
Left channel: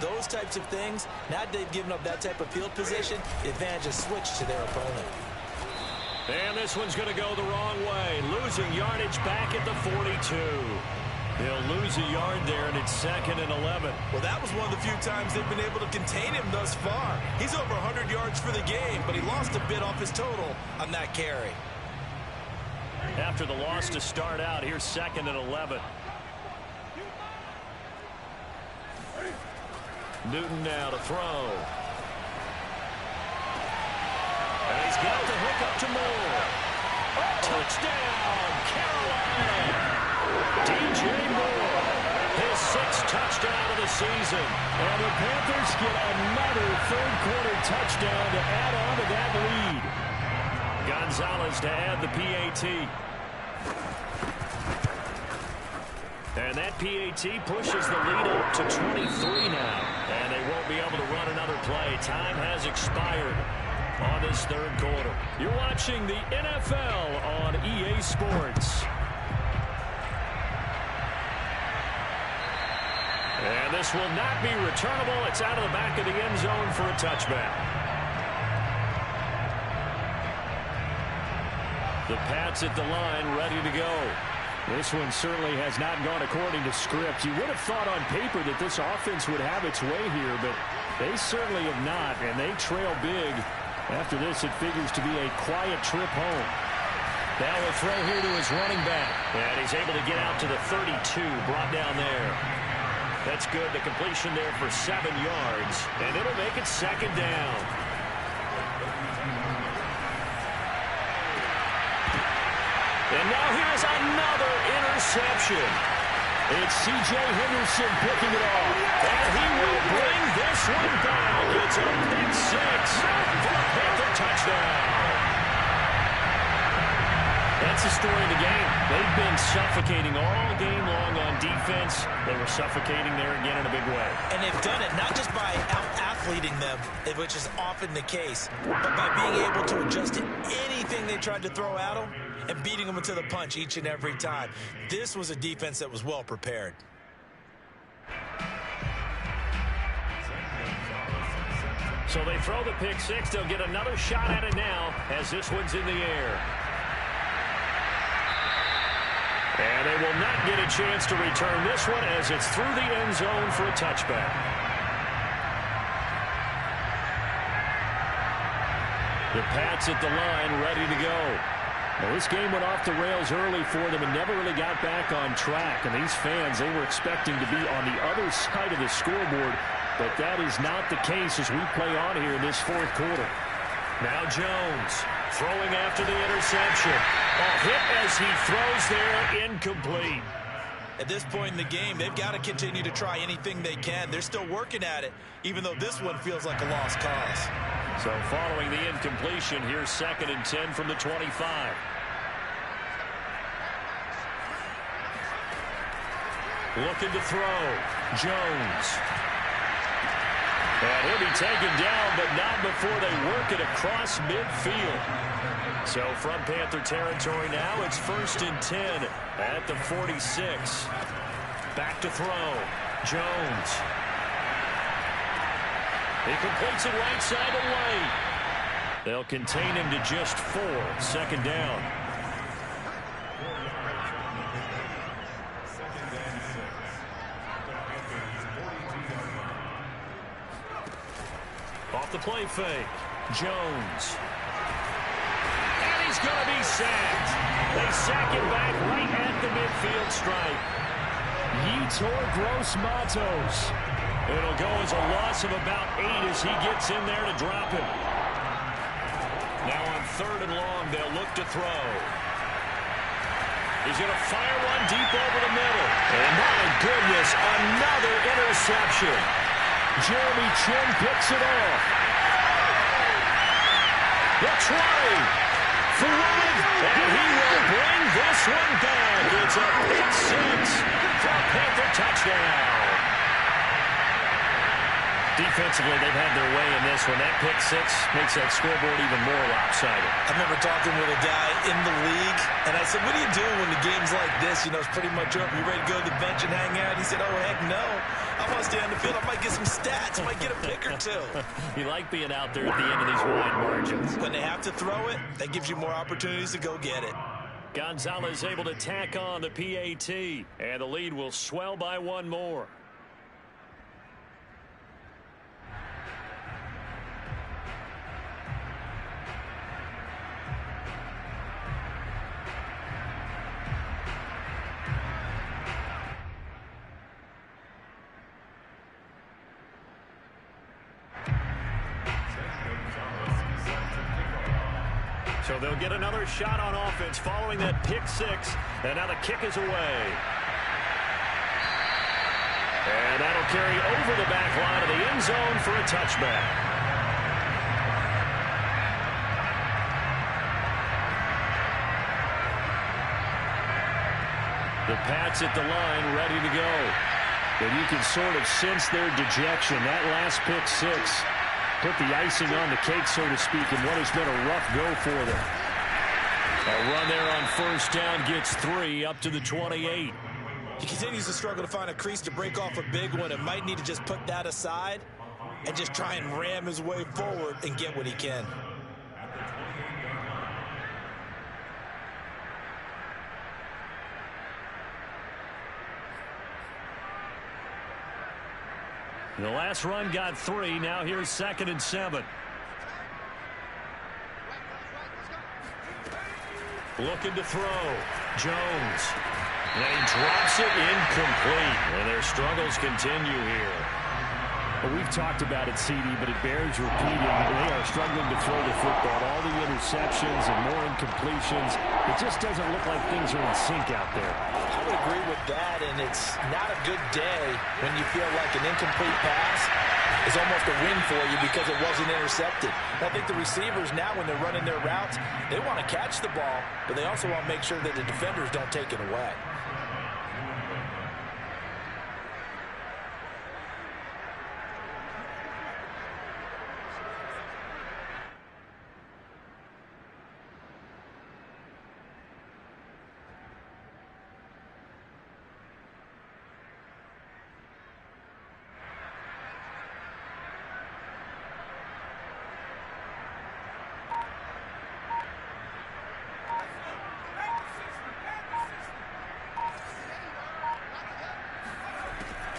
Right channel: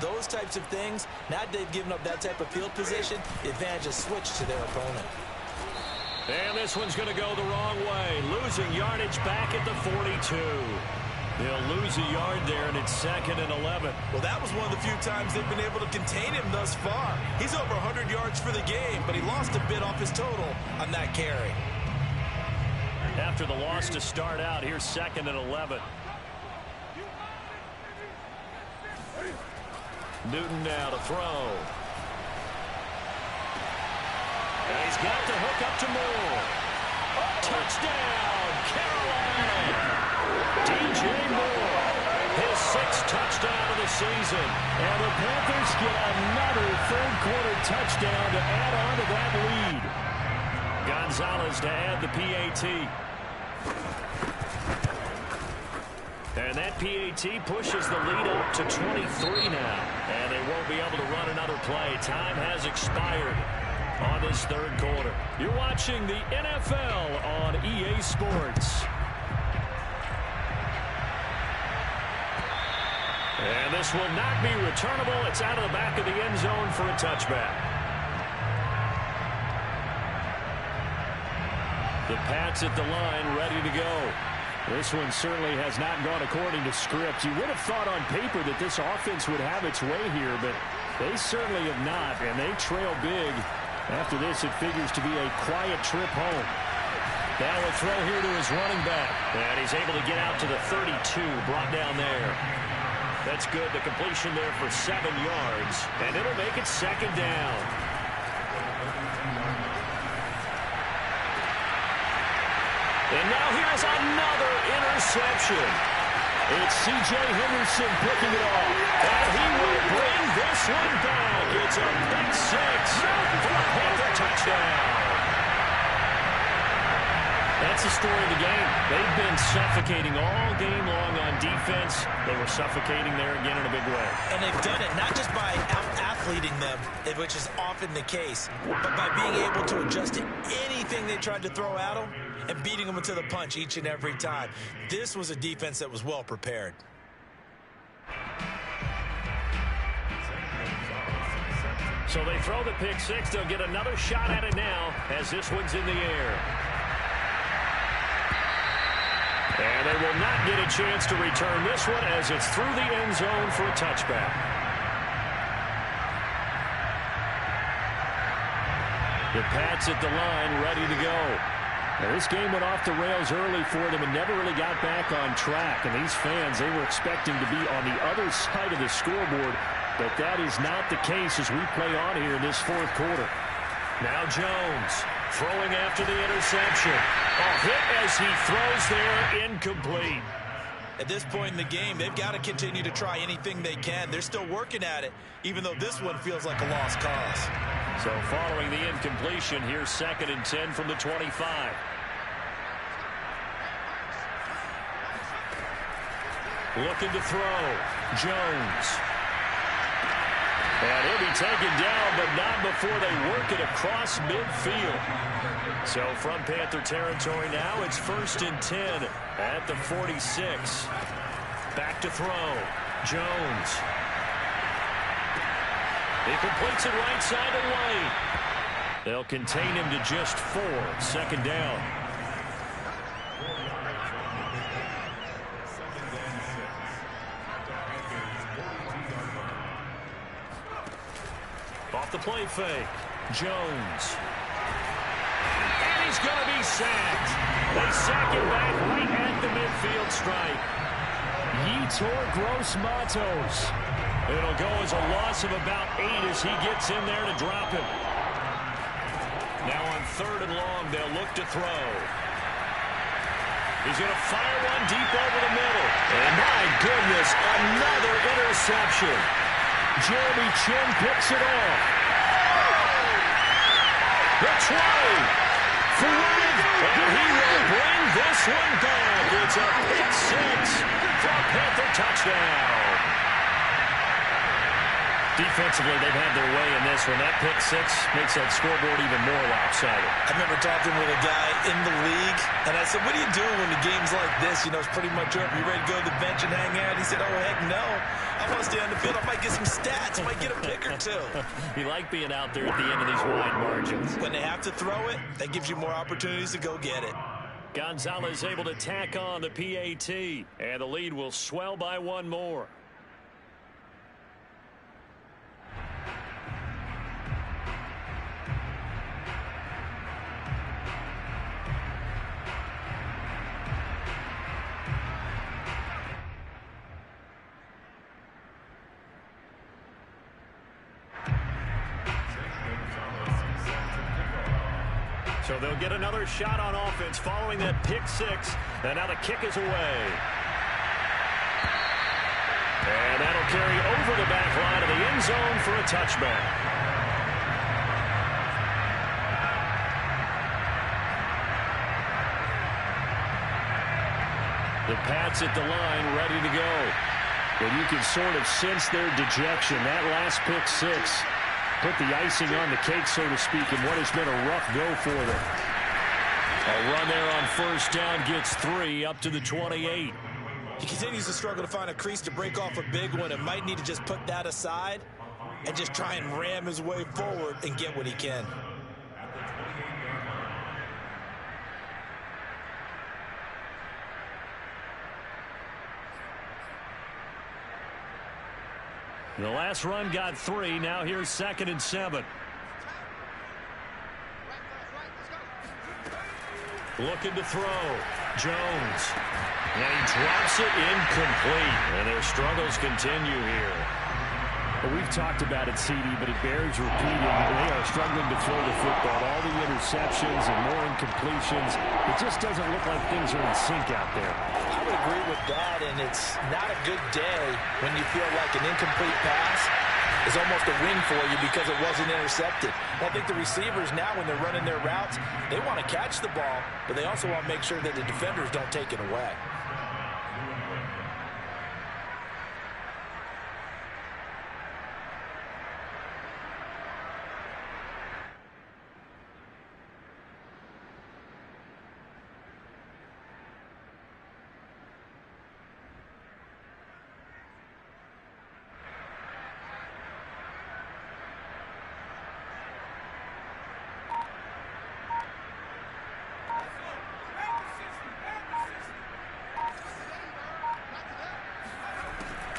those types of things. Now that they've given up that type of field position, the advantage is switched to their opponent. And this one's going to go the wrong way. Losing yardage back at the 42. They'll lose a yard there, and it's 2nd and 11. Well, that was one of the few times they've been able to contain him thus far. He's over 100 yards for the game, but he lost a bit off his total on that carry. After the loss to start out, here's 2nd and 11. Newton now to throw. And he's got the hook up to Moore. Touchdown, Carolina. DJ Moore, his 6th touchdown of the season. And the Panthers get another third-quarter touchdown to add on to that lead. Gonzalez to add the PAT. And that PAT pushes the lead up to 23 now. And they won't be able to run another play. Time has expired on this third quarter. You're watching the NFL on EA Sports. And this will not be returnable. It's out of the back of the end zone for a touchback. The Pats at the line, ready to go. This one certainly has not gone according to script. You would have thought on paper that this offense would have its way here, but they certainly have not, and they trail big. After this, it figures to be a quiet trip home. Now a throw here to his running back. And he's able to get out to the 32, brought down there. That's good. The completion there for 7 yards, and it'll make it 2nd down. And now here's another interception. It's C.J. Henderson picking it off. And he will bring this one back. It's a pick 6 for a Panther touchdown. That's the story of the game. They've been suffocating all game long on defense. They were suffocating there again in a big way. And they've done it not just by out-athleting them, which is often the case, but by being able to adjust to anything they tried to throw at them and beating them into the punch each and every time. This was a defense that was well prepared. So they throw the pick 6. They'll get another shot at it now as this one's in the air. And they will not get a chance to return this one as it's through the end zone for a touchback. The Pats at the line, ready to go. Now, this game went off the rails early for them and never really got back on track. And these fans, they were expecting to be on the other side of the scoreboard. But that is not the case as we play on here in this fourth quarter. Now Jones throwing after the interception. A hit as he throws there, incomplete. At this point in the game, they've got to continue to try anything they can. They're still working at it, even though this one feels like a lost cause. So following the incompletion, here's 2nd and 10 from the 25. Looking to throw. Jones. And he'll be taken down, but not before they work it across midfield. So from Panther territory now, it's 1st and 10 at the 46. Back to throw. Jones. He completes it right side to White. They'll contain him to just 4. 2nd down. the play fake. Jones. And he's going to be sacked. They sack him back right at the midfield stripe. Yetur Gross-Matos. It'll go as a loss of about 8 as he gets in there to drop him. Now on 3rd and long, they'll look to throw. He's going to fire one deep over the middle. And my goodness, another interception. Jeremy Chinn picks it off. The 20. Through, and he will bring this one back. It's a pick 6 for a Panther touchdown. Defensively, they've had their way in this one. That pick 6 makes that scoreboard even more lopsided. I remember talking with a guy in the league, and I said, what do you do when the game's like this? You know, it's pretty much over. You ready to go to the bench and hang out? He said, oh, heck no. I want to stay on the field. I might get some stats. I might get a pick or 2. You like being out there at the end of these wide margins. When they have to throw it, that gives you more opportunities to go get it. Gonzalez able to tack on the PAT, and the lead will swell by 1 more. So they'll get another shot on offense following that pick 6. And now the kick is away. And that'll carry over the back line of the end zone for a touchback. The Pats at the line ready to go. And you can sort of sense their dejection. That last pick 6 put the icing on the cake, so to speak, in what has been a rough go for them. A run there on 1st down gets 3 up to the 28. He continues to struggle to find a crease to break off a big one and might need to just put that aside and just try and ram his way forward and get what he can. The last run got 3. Now here's 2nd and 7. Looking to throw. Jones. And he drops it incomplete. And their struggles continue here. Well, we've talked about it, CD, but it bears repeating. They are struggling to throw the football. All the interceptions and more incompletions. It just doesn't look like things are in sync out there. I would agree with that, and it's not a good day when you feel like an incomplete pass is almost a win for you because it wasn't intercepted. I think the receivers now, when they're running their routes, they want to catch the ball, but they also want to make sure that the defenders don't take it away.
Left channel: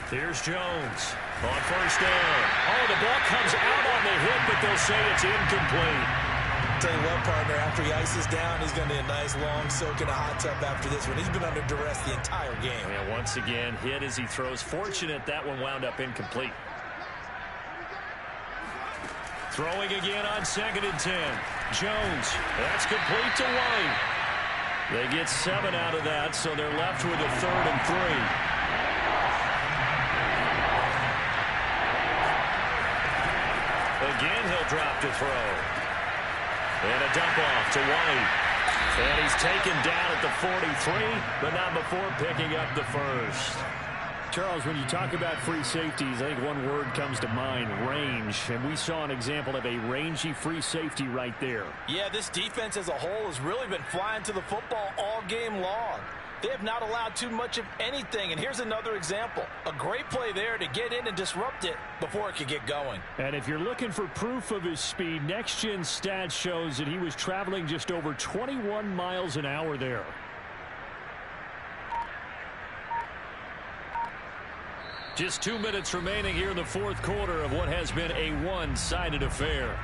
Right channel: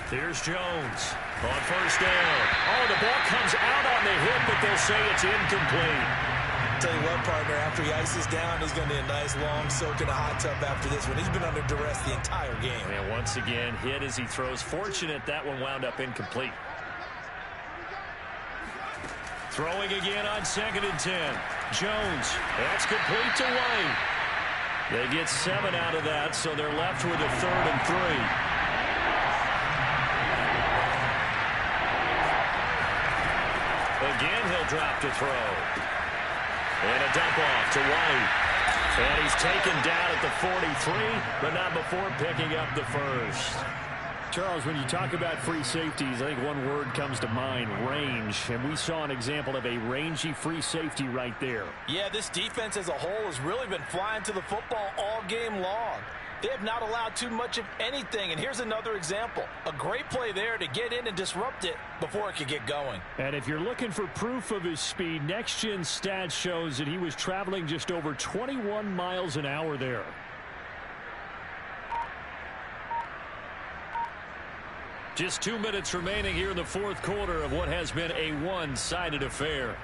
Here's Jones on 1st down. Oh, the ball comes out on the hit, but they'll say it's incomplete. Tell you what, partner, after he ices down, he's going to need a nice long soak in a hot tub after this one. He's been under duress the entire game. And once again, hit as he throws. Fortunate that one wound up incomplete. Throwing again on 2nd and 10. Jones, that's complete to White. They get 7 out of that, so they're left with a 3rd and 3. Again, he'll drop to throw. And a dump off to White. And he's taken down at the 43, but not before picking up the first. Charles, when you talk about free safeties, I think one word comes to mind, range. And we saw an example of a rangy free safety right there. Yeah, this defense as a whole has really been flying to the football all game long. They have not allowed too much of anything. And here's another example. A great play there to get in and disrupt it before it could get going. And if you're looking for proof of his speed, Next Gen Stats shows that he was traveling just over 21 miles an hour there. Just 2 minutes remaining here in the fourth quarter of what has been a one-sided affair.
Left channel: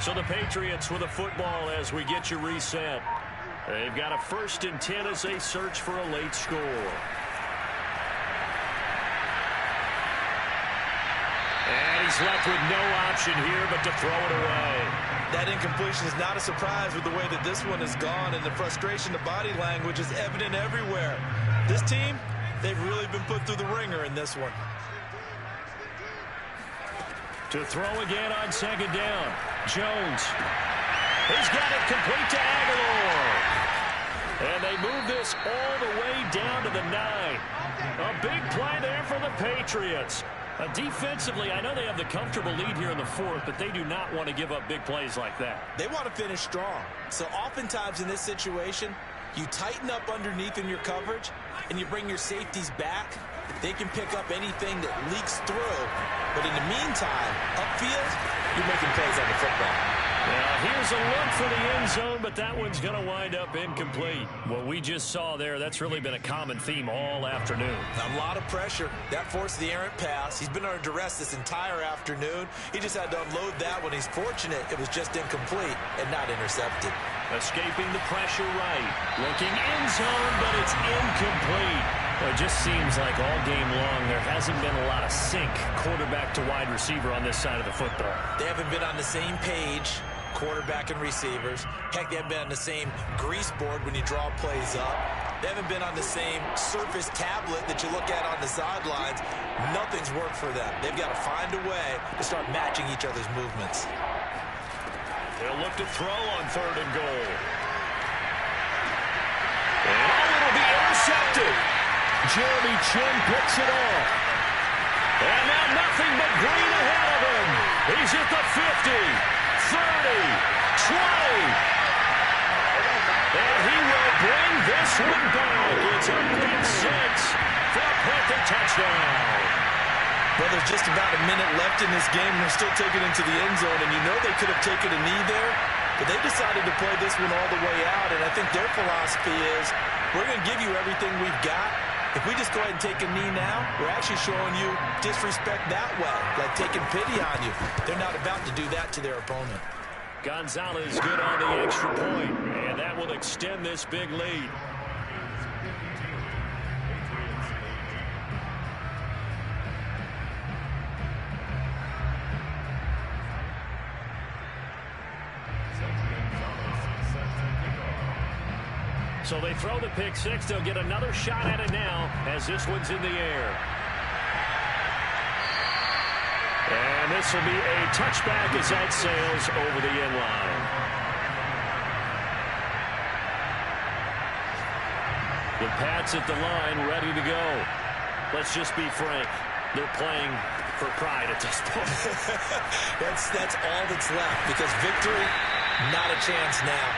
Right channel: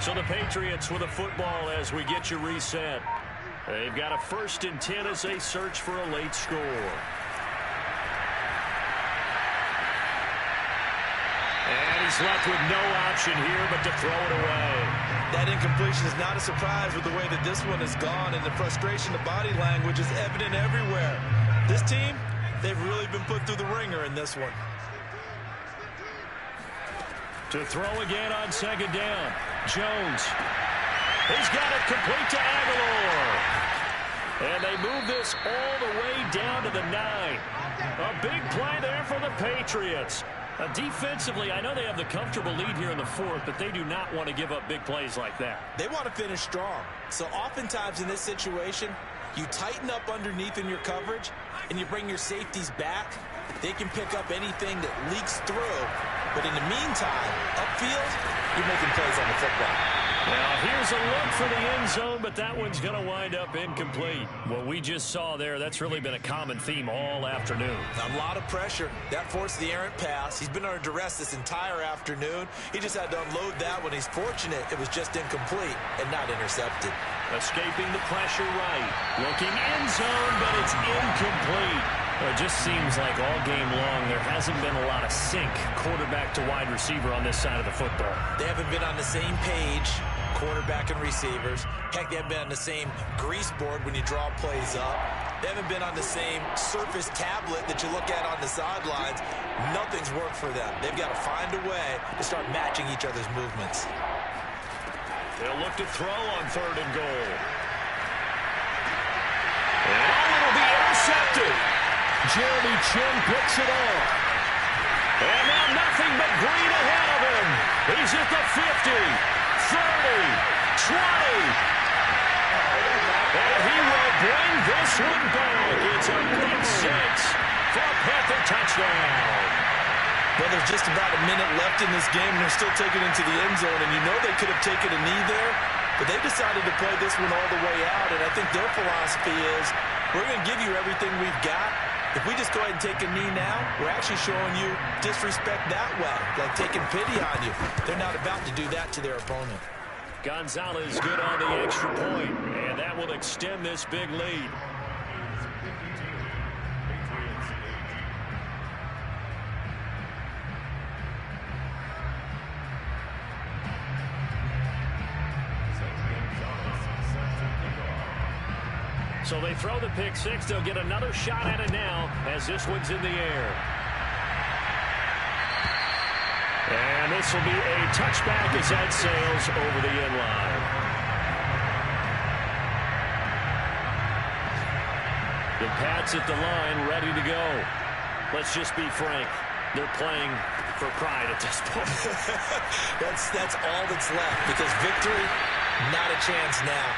So the Patriots with a football as we get you reset. They've got a 1st and 10 as they search for a late score. And he's left with no option here but to throw it away. That incompletion is not a surprise with the way that this one has gone, and the frustration, the body language is evident everywhere. This team, they've really been put through the ringer in this one. To throw again on 2nd down. Jones. He's got it complete to Aguilar. And they move this all the way down to the 9. A big play there for the Patriots. Defensively, I know they have the comfortable lead here in the 4th, but they do not want to give up big plays like that. They want to finish strong. So oftentimes in this situation, you tighten up underneath in your coverage, and you bring your safeties back. They can pick up anything that leaks through. But in the meantime, upfield, you're making plays on the football. Now, here's a look for the end zone, but that one's going to wind up incomplete. What we just saw there, that's really been a common theme all afternoon. A lot of pressure. That forced the errant pass. He's been under duress this entire afternoon. He just had to unload that one. He's fortunate it was just incomplete and not intercepted. Escaping the pressure right. Looking end zone, but it's incomplete. Well, it just seems like all game long there hasn't been a lot of sync quarterback to wide receiver on this side of the football. They haven't been on the same page, quarterback and receivers. Heck, they haven't been on the same grease board when you draw plays up. They haven't been on the same surface tablet that you look at on the sidelines. Nothing's worked for them. They've got to find a way to start matching each other's movements. They'll look to throw on 3rd and goal. And it'll be intercepted. Jeremy Chinn picks it off. And now nothing but green ahead of him. He's at the 50, 30, 20. And he will bring this one back. It's a pick 6 for a Panther touchdown. Well, there's just about a minute left in this game, and they're still taking it into the end zone. And you know they could have taken a knee there, but they decided to play this one all the way out. And I think their philosophy is, we're going to give you everything we've got. If we just go ahead and take a knee now, we're actually showing you disrespect that way, like taking pity on you. They're not about to do that to their opponent. Gonzalez good on the extra point, and that will extend this big lead. So they throw the pick 6. They'll get another shot at it now as this one's in the air. And this will be a touchback as that sails over the end line. The Pats at the line ready to go. Let's just be frank. They're playing for pride at this point. That's all that's left, because victory, not a chance now.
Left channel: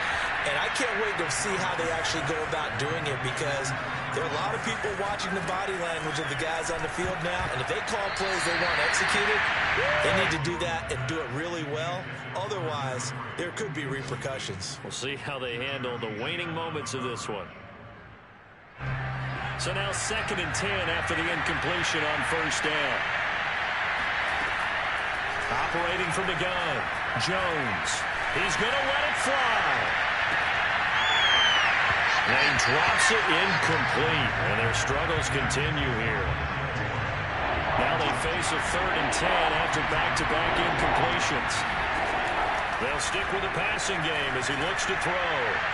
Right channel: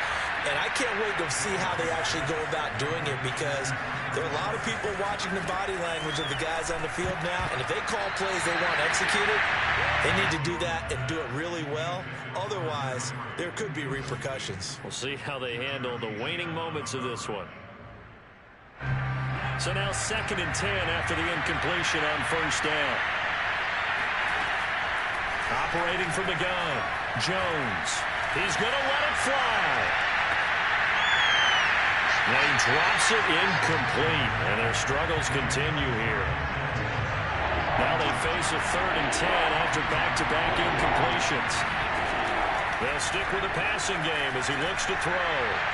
And I can't wait to see how they actually go about doing it, because there are a lot of people watching the body language of the guys on the field now. And if they call plays they want executed, they need to do that and do it really well. Otherwise, there could be repercussions. We'll see how they handle the waning moments of this one. So now 2nd and 10 after the incompletion on 1st down. Operating from the gun, Jones. He's going to let it fly. And he drops it incomplete, and their struggles continue here. Now they face a 3rd and 10 after back-to-back incompletions. They'll stick with the passing game as he looks to throw.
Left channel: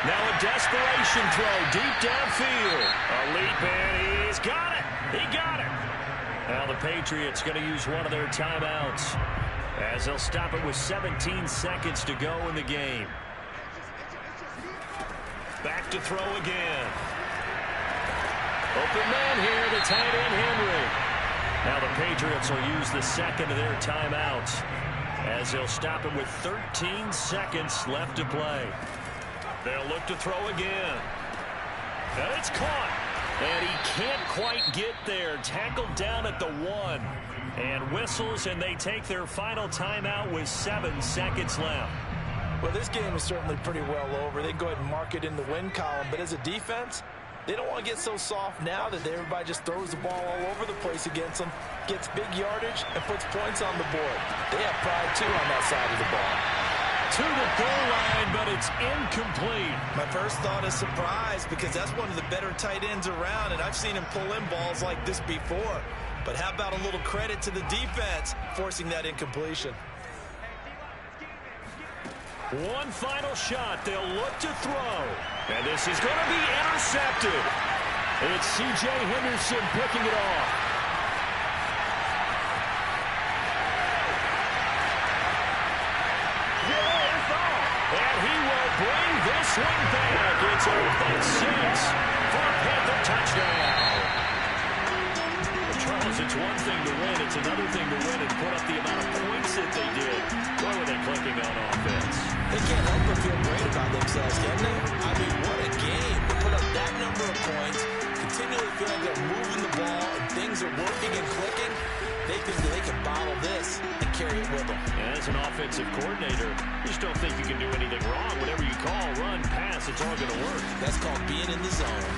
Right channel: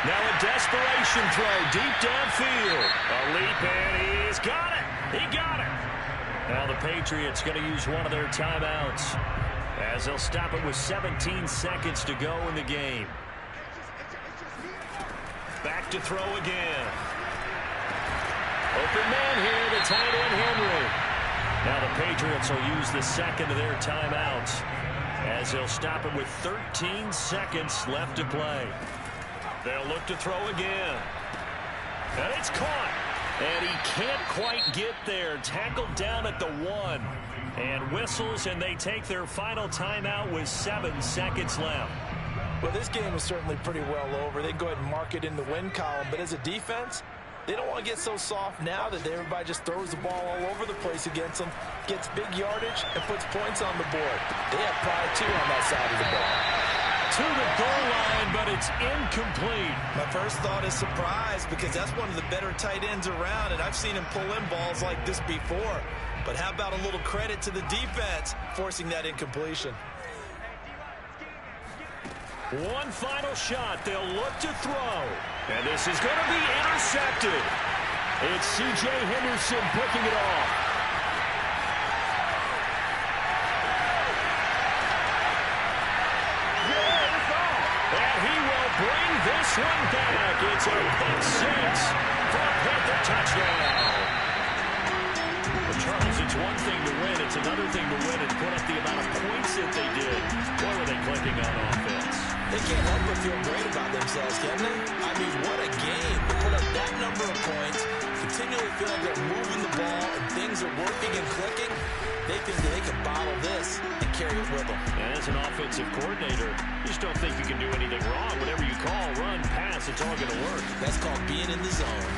Now a desperation throw deep downfield. A leap, and he's got it. He got it. Now the Patriots going to use one of their timeouts as they'll stop it with 17 seconds to go in the game. Back to throw again. Open man here, the tight end Henry. Now the Patriots will use the 2nd of their timeouts as they'll stop it with 13 seconds left to play. They'll look to throw again. And it's caught. And he can't quite get there. Tackled down at the 1. And whistles, and they take their final timeout with 7 seconds left. Well, this game is certainly pretty well over. They can go ahead and mark it in the win column. But as a defense, they don't want to get so soft now that everybody just throws the ball all over the place against them, gets big yardage, and puts points on the board. They have pride, too, on that side of the ball. To the goal line, but it's incomplete. My first thought is surprise, because that's one of the better tight ends around, and I've seen him pull in balls like this before. But how about a little credit to the defense forcing that incompletion? One final shot. They'll look to throw. And this is going to be intercepted. It's C.J. Henderson picking it off. And he will bring this one back. It's a pick 6 for a Panther touchdown. Well, Charles, it's one thing to win. It's another thing to win and put up the amount of points that they did. Boy, were they clicking on offense. They can't help but feel great about themselves, can they? I mean, what a game to put up that number of points, continually feel like they're moving the ball and things are working and clicking. They think that they can bottle this and carry it with them. As an offensive coordinator, you just don't think you can do anything wrong. Whatever you call, run, pass, it's all going to work. That's called being in the zone.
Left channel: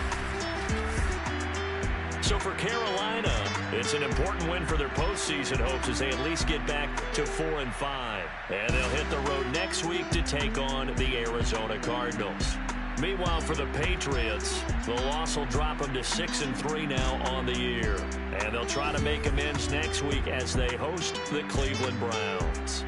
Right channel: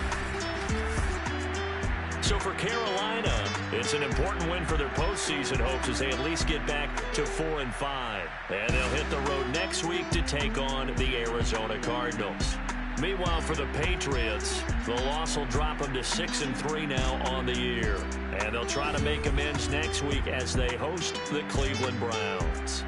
So for Carolina, it's an important win for their postseason hopes as they at least get back to 4-5. And they'll hit the road next week to take on the Arizona Cardinals. Meanwhile, for the Patriots, the loss will drop them to 6-3 now on the year. And they'll try to make amends next week as they host the Cleveland Browns.